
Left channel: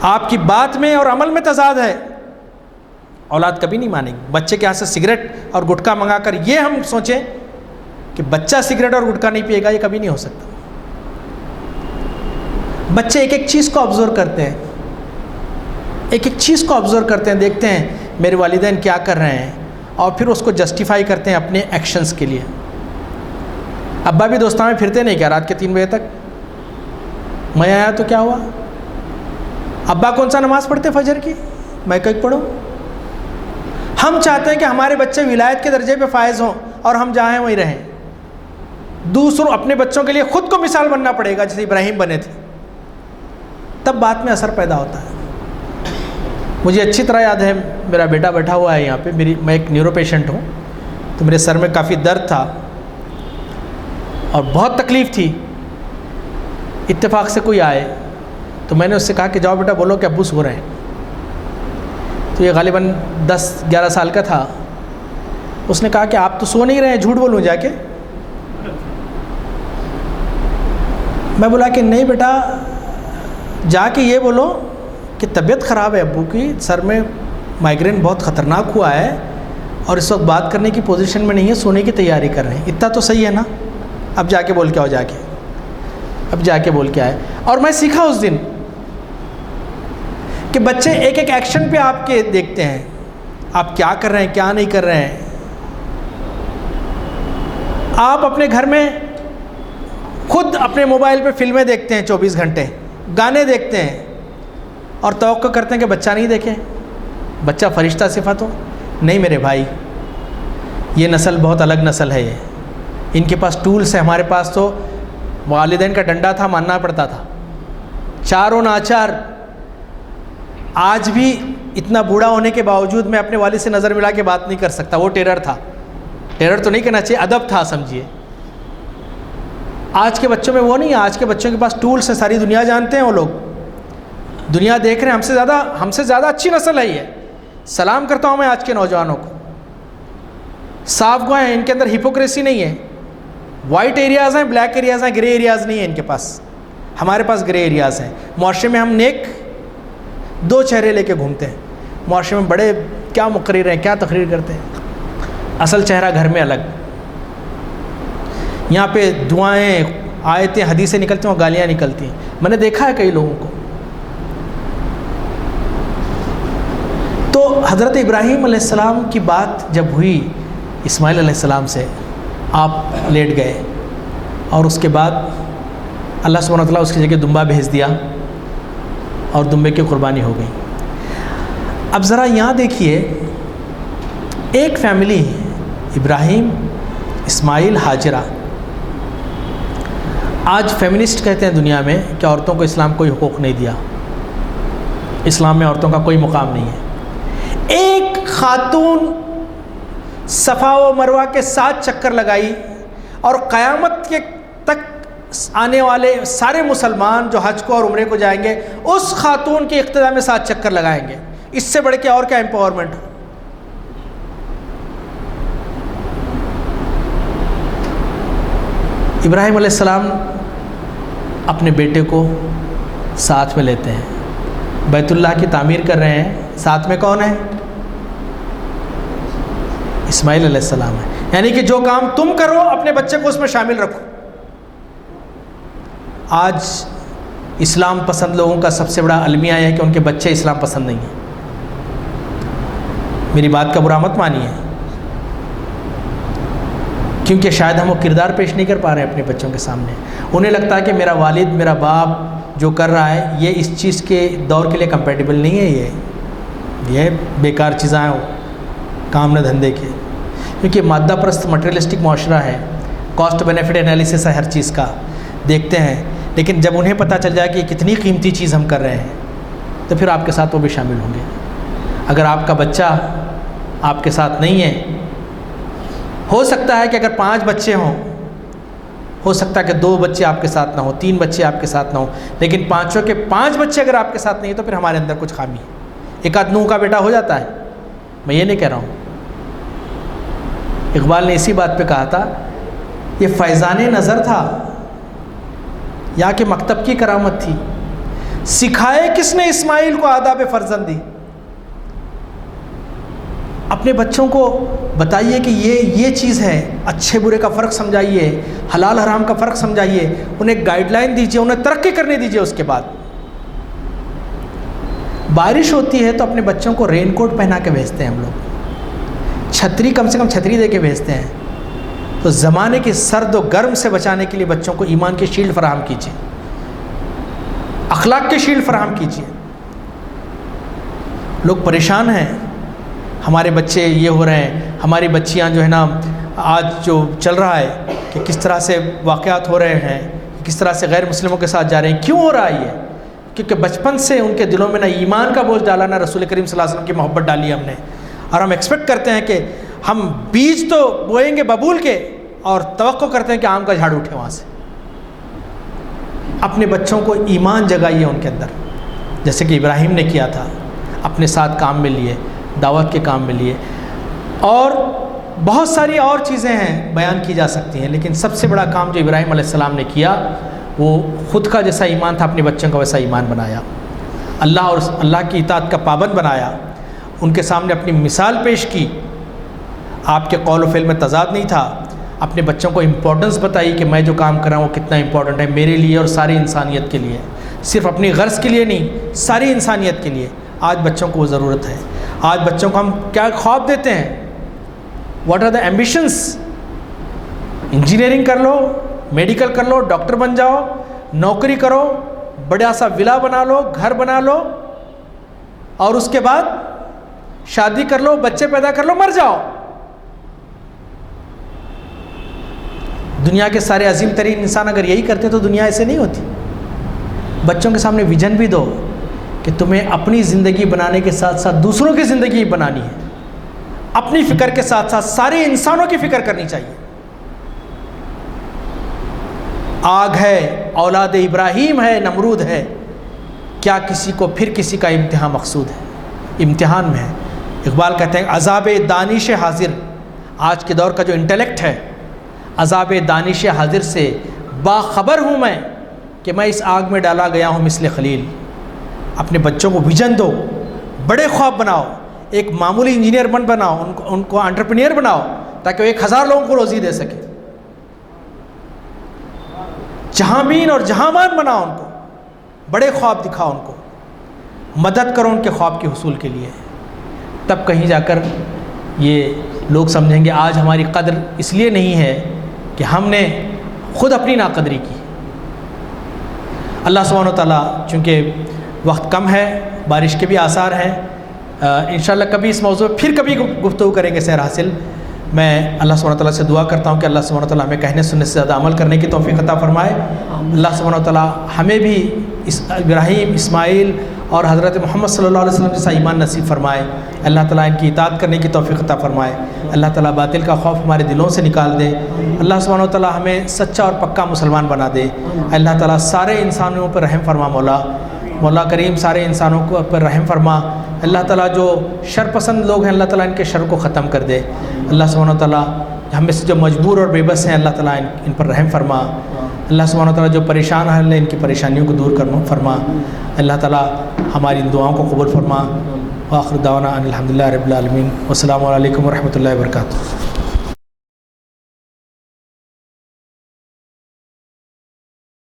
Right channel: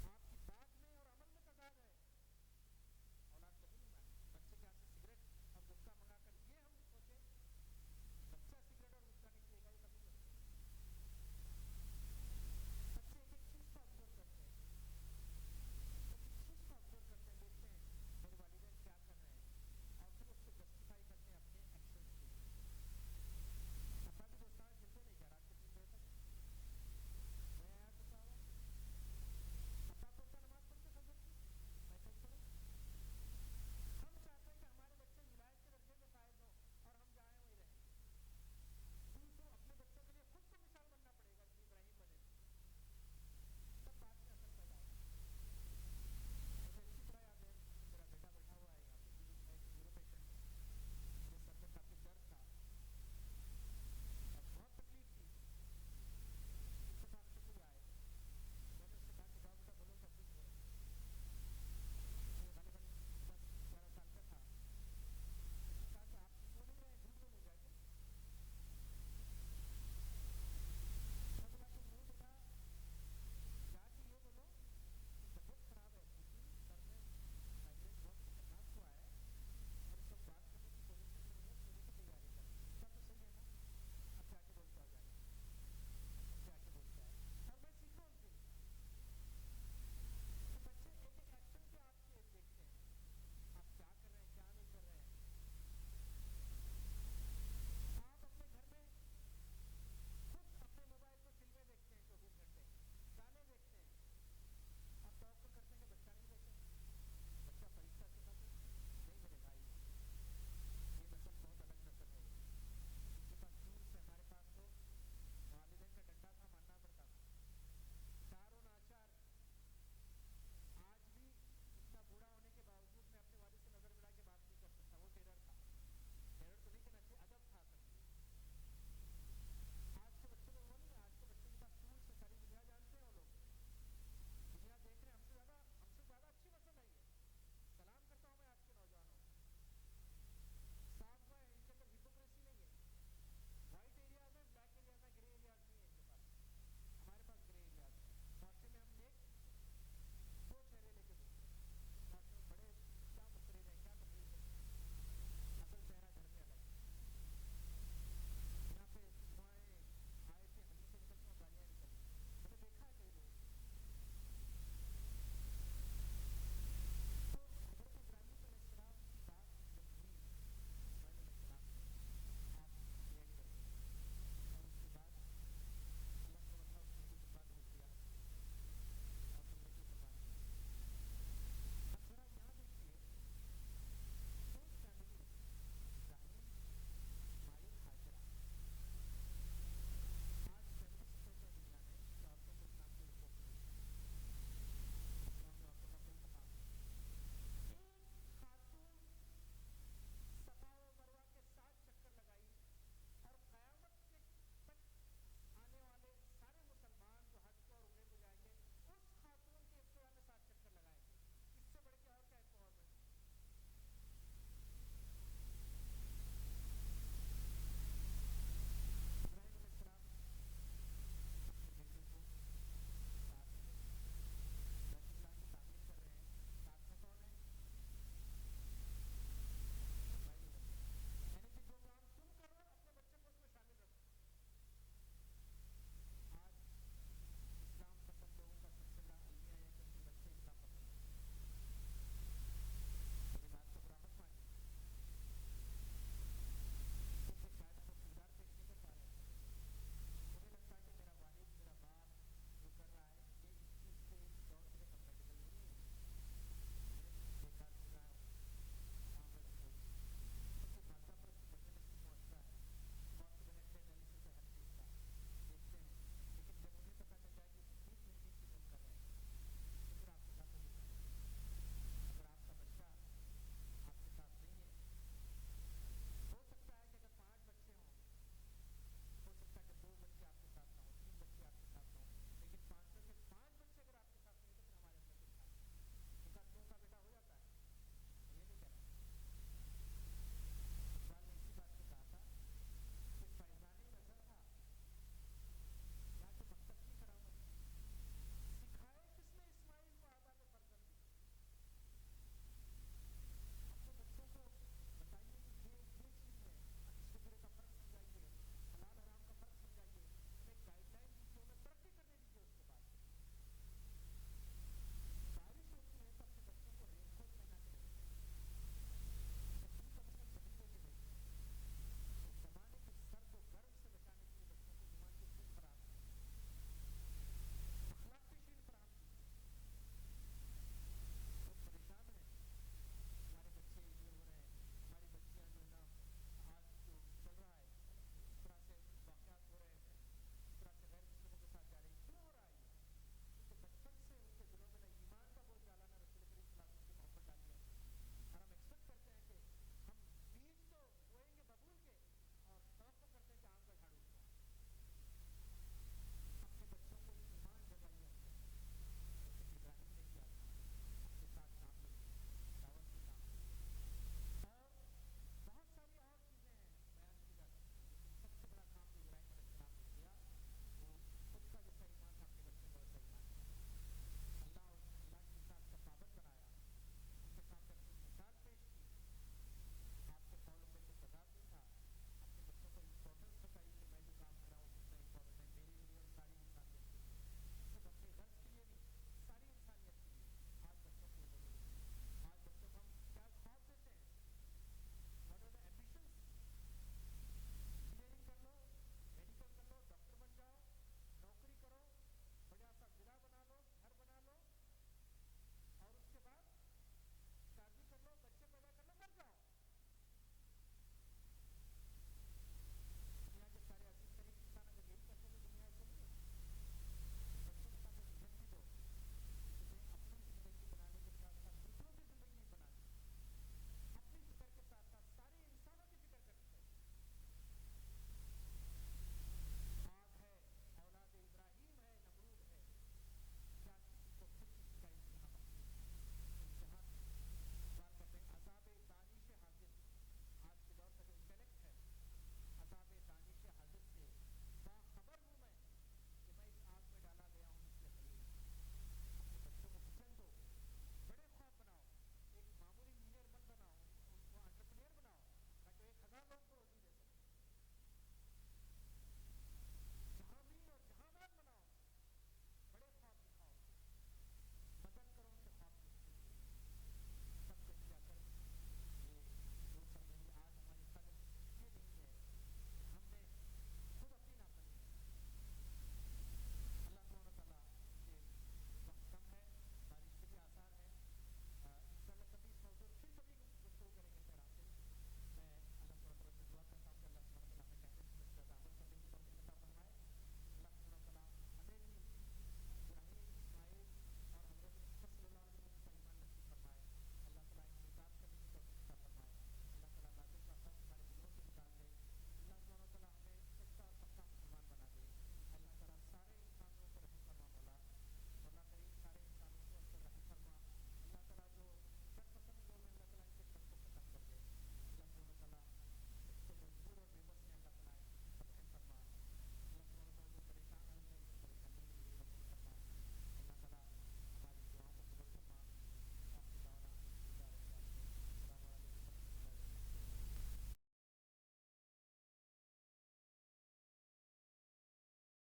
آپ کی بات میں اور عمل میں تضاد ہے، اولاد کبھی نہیں مانے گی. بچے کے ہاتھ سے سگریٹ اور گٹکا منگا کر یہ ہم سوچیں کہ بچہ سگریٹ اور گٹکا نہیں پیے گا، یہ کبھی نہیں ہو سکتا. بچے ایک ایک چیز کو آبزرو کرتے ہیں، ایک ایک چیز کو آبزرو کرتے ہیں، دیکھتے ہیں میرے والدین کیا کر رہے ہیں، اور پھر اس کو جسٹیفائی کرتے ہیں اپنے ایکشنز کے لیے۔ ابا بھی دوستاں میں پھرتے نہیں کیا رات کے 3 بجے تک؟ میں آیا تو کیا ہوا؟ ابا کون سا نماز پڑھتے فجر کی؟ میں کہیں پڑھوں۔ ہم چاہتے ہیں کہ ہمارے بچے ولایت کے درجے پہ فائز ہوں اور ہم جہاں ہیں وہیں رہیں۔ دوسروں اپنے بچوں کے لیے خود کو مثال بننا پڑے گا جیسے ابراہیم بنے تھے، تب بات میں اثر پیدا ہوتا ہے۔ مجھے اچھی طرح یاد ہے، میرا بیٹا بیٹھا ہوا ہے یہاں پہ، میں ایک نیورو پیشنٹ ہوں، تو میرے سر میں کافی درد تھا اور بہت تکلیف تھی۔ اتفاق سے کوئی آئے تو میں نے اس سے کہا کہ جاؤ بیٹا بولو کہ ابو سو رہے ہیں۔ تو یہ غالباً 10-11 سال کا تھا۔ اس نے کہا کہ آپ تو سو نہیں رہے ہیں، جھوٹ بولوں جا کے؟ میں بولا کہ نہیں بیٹا، جا کے یہ بولو کہ طبیعت خراب ہے ابو کی، سر میں مائیگرین بہت خطرناک ہوا ہے اور اس وقت بات کرنے کی پوزیشن میں نہیں ہے، سونے کی تیاری کر رہے ہیں۔ اتنا تو صحیح ہے نا؟ اب جا کے بول کے آؤ، جا کے اب جا کے بول کے آئے۔ اور میں سیکھا اس دن کہ بچے ایک ایک ایکشن پہ آپ کے دیکھتے ہیں، آپ کیا کر رہے ہیں کیا نہیں کر رہے ہیں۔ آپ اپنے گھر میں خود اپنے موبائل پہ فلمیں دیکھتے ہیں 24 گھنٹے، گانے دیکھتے ہیں اور توقع کرتے ہیں کہ بچہ نہیں دیکھے، بچہ فرشتہ صفت ہو۔ نہیں میرے بھائی، یہ نسل بہت الگ نسل ہے۔ ان کے پاس ٹولز ہیں، ہمارے پاس تو والدین کا ڈنڈا تھا، ماننا پڑتا تھا، چاروں ناچار۔ آج بھی اتنا بوڑھا ہونے کے باوجود میں اپنے والد سے نظر ملا کے بات نہیں کر سکتا، وہ ٹیرر تھا۔ ٹیرر تو نہیں کہنا چاہیے، ادب تھا سمجھیے۔ آج کے بچوں میں وہ نہیں ہے، آج کے بچوں کے پاس ٹولز ہیں، ساری دنیا جانتے ہیں وہ لوگ، دنیا دیکھ رہے ہیں۔ ہم سے زیادہ اچھی نسل ہے یہ۔ سلام کرتا ہوں میں آج کے نوجوانوں کو، صاف گوئے ہیں، ان کے اندر ہپوکریسی نہیں ہے۔ وائٹ ایریاز ہیں، بلیک ایریاز ہیں، گرے ایریاز نہیں ہیں ان کے پاس۔ ہمارے پاس گرے ایریاز ہیں۔ معاشرے میں ہم نیک 2 چہرے لے کے گھومتے ہیں، معاشرے میں بڑے کیا مقرر ہیں، کیا تقریر کرتے ہیں، اصل چہرہ گھر میں الگ۔ یہاں پہ دعائیں، آیتیں، حدیثیں نکلتی ہیں اور گالیاں نکلتی ہیں۔ میں نے دیکھا ہے کئی لوگوں کو۔ تو حضرت ابراہیم علیہ السلام کی بات جب ہوئی اسماعیل علیہ السلام سے، آپ لیٹ گئے اور اس کے بعد اللہ سبحانہ وتعالیٰ اس کی جگہ دمبا بھیج دیا اور دمبے کی قربانی ہو گئی۔ اب ذرا یہاں دیکھیے، ایک فیملی، ابراہیم، اسماعیل، ہاجرہ۔ آج فیمنسٹ کہتے ہیں دنیا میں کہ عورتوں کو اسلام کوئی حقوق نہیں دیا، اسلام میں عورتوں کا کوئی مقام نہیں ہے۔ ایک خاتون صفا و مروہ کے 7 چکر لگائی، اور قیامت کے تک آنے والے سارے مسلمان جو حج کو اور عمرے کو جائیں گے اس خاتون کے اقتداء میں 7 چکر لگائیں گے۔ اس سے بڑھ کے اور کیا امپاورمنٹ ہو؟ ابراہیم علیہ السلام اپنے بیٹے کو ساتھ میں لیتے ہیں، بیت اللہ کی تعمیر کر رہے ہیں، ساتھ میں کون ہے؟ اسماعیل علیہ السلام ہے۔ یعنی کہ جو کام تم کرو اپنے بچے کو اس میں شامل رکھو۔ آج اسلام پسند لوگوں کا سب سے بڑا المیہ ہے کہ ان کے بچے اسلام پسند نہیں ہیں۔ میری بات کا برا مت مانیے، کیونکہ شاید ہم وہ کردار پیش نہیں کر پا رہے ہیں اپنے بچوں کے سامنے۔ انہیں لگتا ہے کہ میرا والد، میرا باپ جو کر رہا ہے یہ اس چیز کے دور کے لیے کمپیٹیبل نہیں ہے، یہ بیکار چیزاں ہیں، کام نہ دھندے کے۔ کیونکہ مادہ پرست مٹیریلسٹک معاشرہ ہے، کاسٹ بینیفٹ انالیسس ہے ہر چیز کا، دیکھتے ہیں۔ لیکن جب انہیں پتہ چل جائے کہ کتنی قیمتی چیز ہم کر رہے ہیں تو پھر آپ کے ساتھ وہ بھی شامل ہوں گے۔ اگر آپ کا بچہ آپ کے ساتھ نہیں ہے، ہو سکتا ہے کہ اگر 5 بچے ہوں، ہو سکتا ہے کہ 2 بچے آپ کے ساتھ نہ ہوں، 3 بچے آپ کے ساتھ نہ ہوں، لیکن 5 کے 5 بچے اگر آپ کے ساتھ نہیں ہیں تو پھر ہمارے اندر کچھ خامی ہے۔ ایک آدھ نوح کا بیٹا ہو جاتا ہے، میں یہ نہیں کہہ رہا ہوں۔ اقبال نے اسی بات پہ کہا تھا، یہ فیضان نظر تھا یا کہ مکتب کی کرامت تھی، سکھائے کس نے اسماعیل کو آداب فرزندی۔ اپنے بچوں کو بتائیے کہ یہ چیز ہے، اچھے برے کا فرق سمجھائیے، حلال حرام کا فرق سمجھائیے، انہیں ایک گائیڈ لائن دیجیے، انہیں ترقی کرنے دیجیے۔ اس کے بعد بارش ہوتی ہے تو اپنے بچوں کو رین کوٹ پہنا کے بھیجتے ہیں ہم لوگ، چھتری کم سے کم چھتری دے کے بھیجتے ہیں۔ تو زمانے کے سرد و گرم سے بچانے کے لیے بچوں کو ایمان کی شیلڈ فراہم کیجیے، اخلاق کی شیلڈ فراہم کیجیے۔ لوگ پریشان ہیں، ہمارے بچے یہ ہو رہے ہیں، ہماری بچیاں جو ہے نا، آج جو چل رہا ہے کہ کس طرح سے واقعات ہو رہے ہیں، کس طرح سے غیر مسلموں کے ساتھ جا رہے ہیں۔ کیوں ہو رہا ہے یہ؟ کیونکہ بچپن سے ان کے دلوں میں نہ ایمان کا بوجھ ڈالا، نہ رسول کریم صلی اللہ علیہ وسلم کی محبت ڈالی ہم نے، اور ہم ایکسپیکٹ کرتے ہیں کہ ہم بیج تو بوئیں گے ببول کے، اور توقع کرتے ہیں کہ آم کا جھاڑ اٹھے وہاں سے۔ اپنے بچوں کو ایمان جگائیے ان کے اندر، جیسے کہ ابراہیم نے کیا تھا، اپنے ساتھ کام میں لیے، دعوت کے کام میں لیے۔ اور بہت ساری اور چیزیں ہیں بیان کی جا سکتی ہیں، لیکن سب سے بڑا کام جو ابراہیم علیہ السلام نے کیا وہ خود کا جیسا ایمان تھا اپنے بچوں کا ویسا ایمان بنایا، اللہ اور اللہ کی اطاعت کا پابند بنایا، ان کے سامنے اپنی مثال پیش کی۔ آپ کے قول و فعل میں تضاد نہیں تھا، اپنے بچوں کو امپورٹنس بتائی کہ میں جو کام کر رہا ہوں وہ کتنا امپورٹنٹ ہے میرے لیے اور ساری انسانیت کے لیے، صرف اپنی غرض کے لیے نہیں، ساری انسانیت کے لیے۔ آج بچوں کو وہ ضرورت ہے۔ آج بچوں کو ہم کیا خواب دیتے ہیں؟ What are the ambitions? Engineering کر لو، میڈیکل کر لو، ڈاکٹر بن جاؤ، نوکری کرو، بڑا سا ولا بنا لو، گھر بنا لو، اور اس کے بعد شادی کر لو، بچے پیدا کر لو، مر جاؤ۔ دنیا کے سارے عظیم ترین انسان اگر یہی کرتے تو دنیا ایسے نہیں ہوتی۔ بچوں کے سامنے ویژن بھی دو کہ تمہیں اپنی زندگی بنانے کے ساتھ ساتھ دوسروں کی زندگی بنانی ہے، اپنی فکر کے ساتھ ساتھ سارے انسانوں کی فکر کرنی چاہیے۔ آگ ہے، اولاد ابراہیم ہے، نمرود ہے، کیا کسی کو پھر کسی کا امتحان مقصود ہے؟ امتحان میں ہے۔ اقبال کہتے ہیں عذاب دانش حاضر، آج کے دور کا جو انٹلیکٹ ہے، عذاب دانش حاضر سے باخبر ہوں میں کہ میں اس آگ میں ڈالا گیا ہوں مثل خلیل۔ اپنے بچوں کو ویژن دو، بڑے خواب بناؤ، ایک معمولی انجینئر بناؤ، ان کو انٹرپرینئر بناؤ تاکہ وہ 1000 لوگوں کو روزی دے سکے۔ جہاں بین اور جہاں مان بناؤ ان کو، بڑے خواب دکھاؤ ان کو، مدد کرو ان کے خواب کے حصول کے لیے۔ تب کہیں جا کر یہ لوگ سمجھیں گے آج ہماری قدر اس لیے نہیں ہے کہ ہم نے خود اپنی ناقدری کی۔ اللہ سبحانہ و تعالیٰ، چونکہ وقت کم ہے، بارش کے بھی آثار ہیں، انشاءاللہ کبھی اس موضوع پھر کبھی گفتگو کریں گے سیر حاصل۔ میں اللہ سبحانہ و تعالیٰ سے دعا کرتا ہوں کہ اللہ سبحانہ و تعالیٰ ہمیں کہنے سننے سے زیادہ عمل کرنے کی توفیق عطا فرمائے۔ اللہ سبحانہ و تعالیٰ ہمیں بھی ابراہیم، اسماعیل اور حضرت محمد صلی اللہ علیہ وسلم جیسا ایمان نصیب فرمائے۔ اللہ تعالیٰ ان کی اطاعت کرنے کی توفیق عطا فرمائے۔ اللہ تعالیٰ باطل کا خوف ہمارے دلوں سے نکال دے۔ اللہ سبحانہ و تعالیٰ ہمیں سچا اور پکا مسلمان بنا دے۔ اللہ تعالیٰ سارے انسانوں پر رحم فرما، مولا کریم سارے انسانوں کو پر رحم فرما۔ اللہ تعالیٰ جو شر پسند لوگ ہیں، اللہ تعالیٰ ان کے شر کو ختم کر دے۔ اللہ سبحانہ و تعالیٰ ہم میں سے جو مجبور اور بے بس ہیں، اللہ تعالیٰ ان پر رحم فرما۔ اللہ سبحانہ و تعالیٰ جو پریشان ہیں، ان کی پریشانیوں کو دور فرما۔ اللہ تعالیٰ ہماری ان دعاؤں کو قبول فرما۔ وآخر دعوانا ان الحمدللہ رب العالمین۔ والسلام علیکم ورحمۃ اللہ وبرکاتہ۔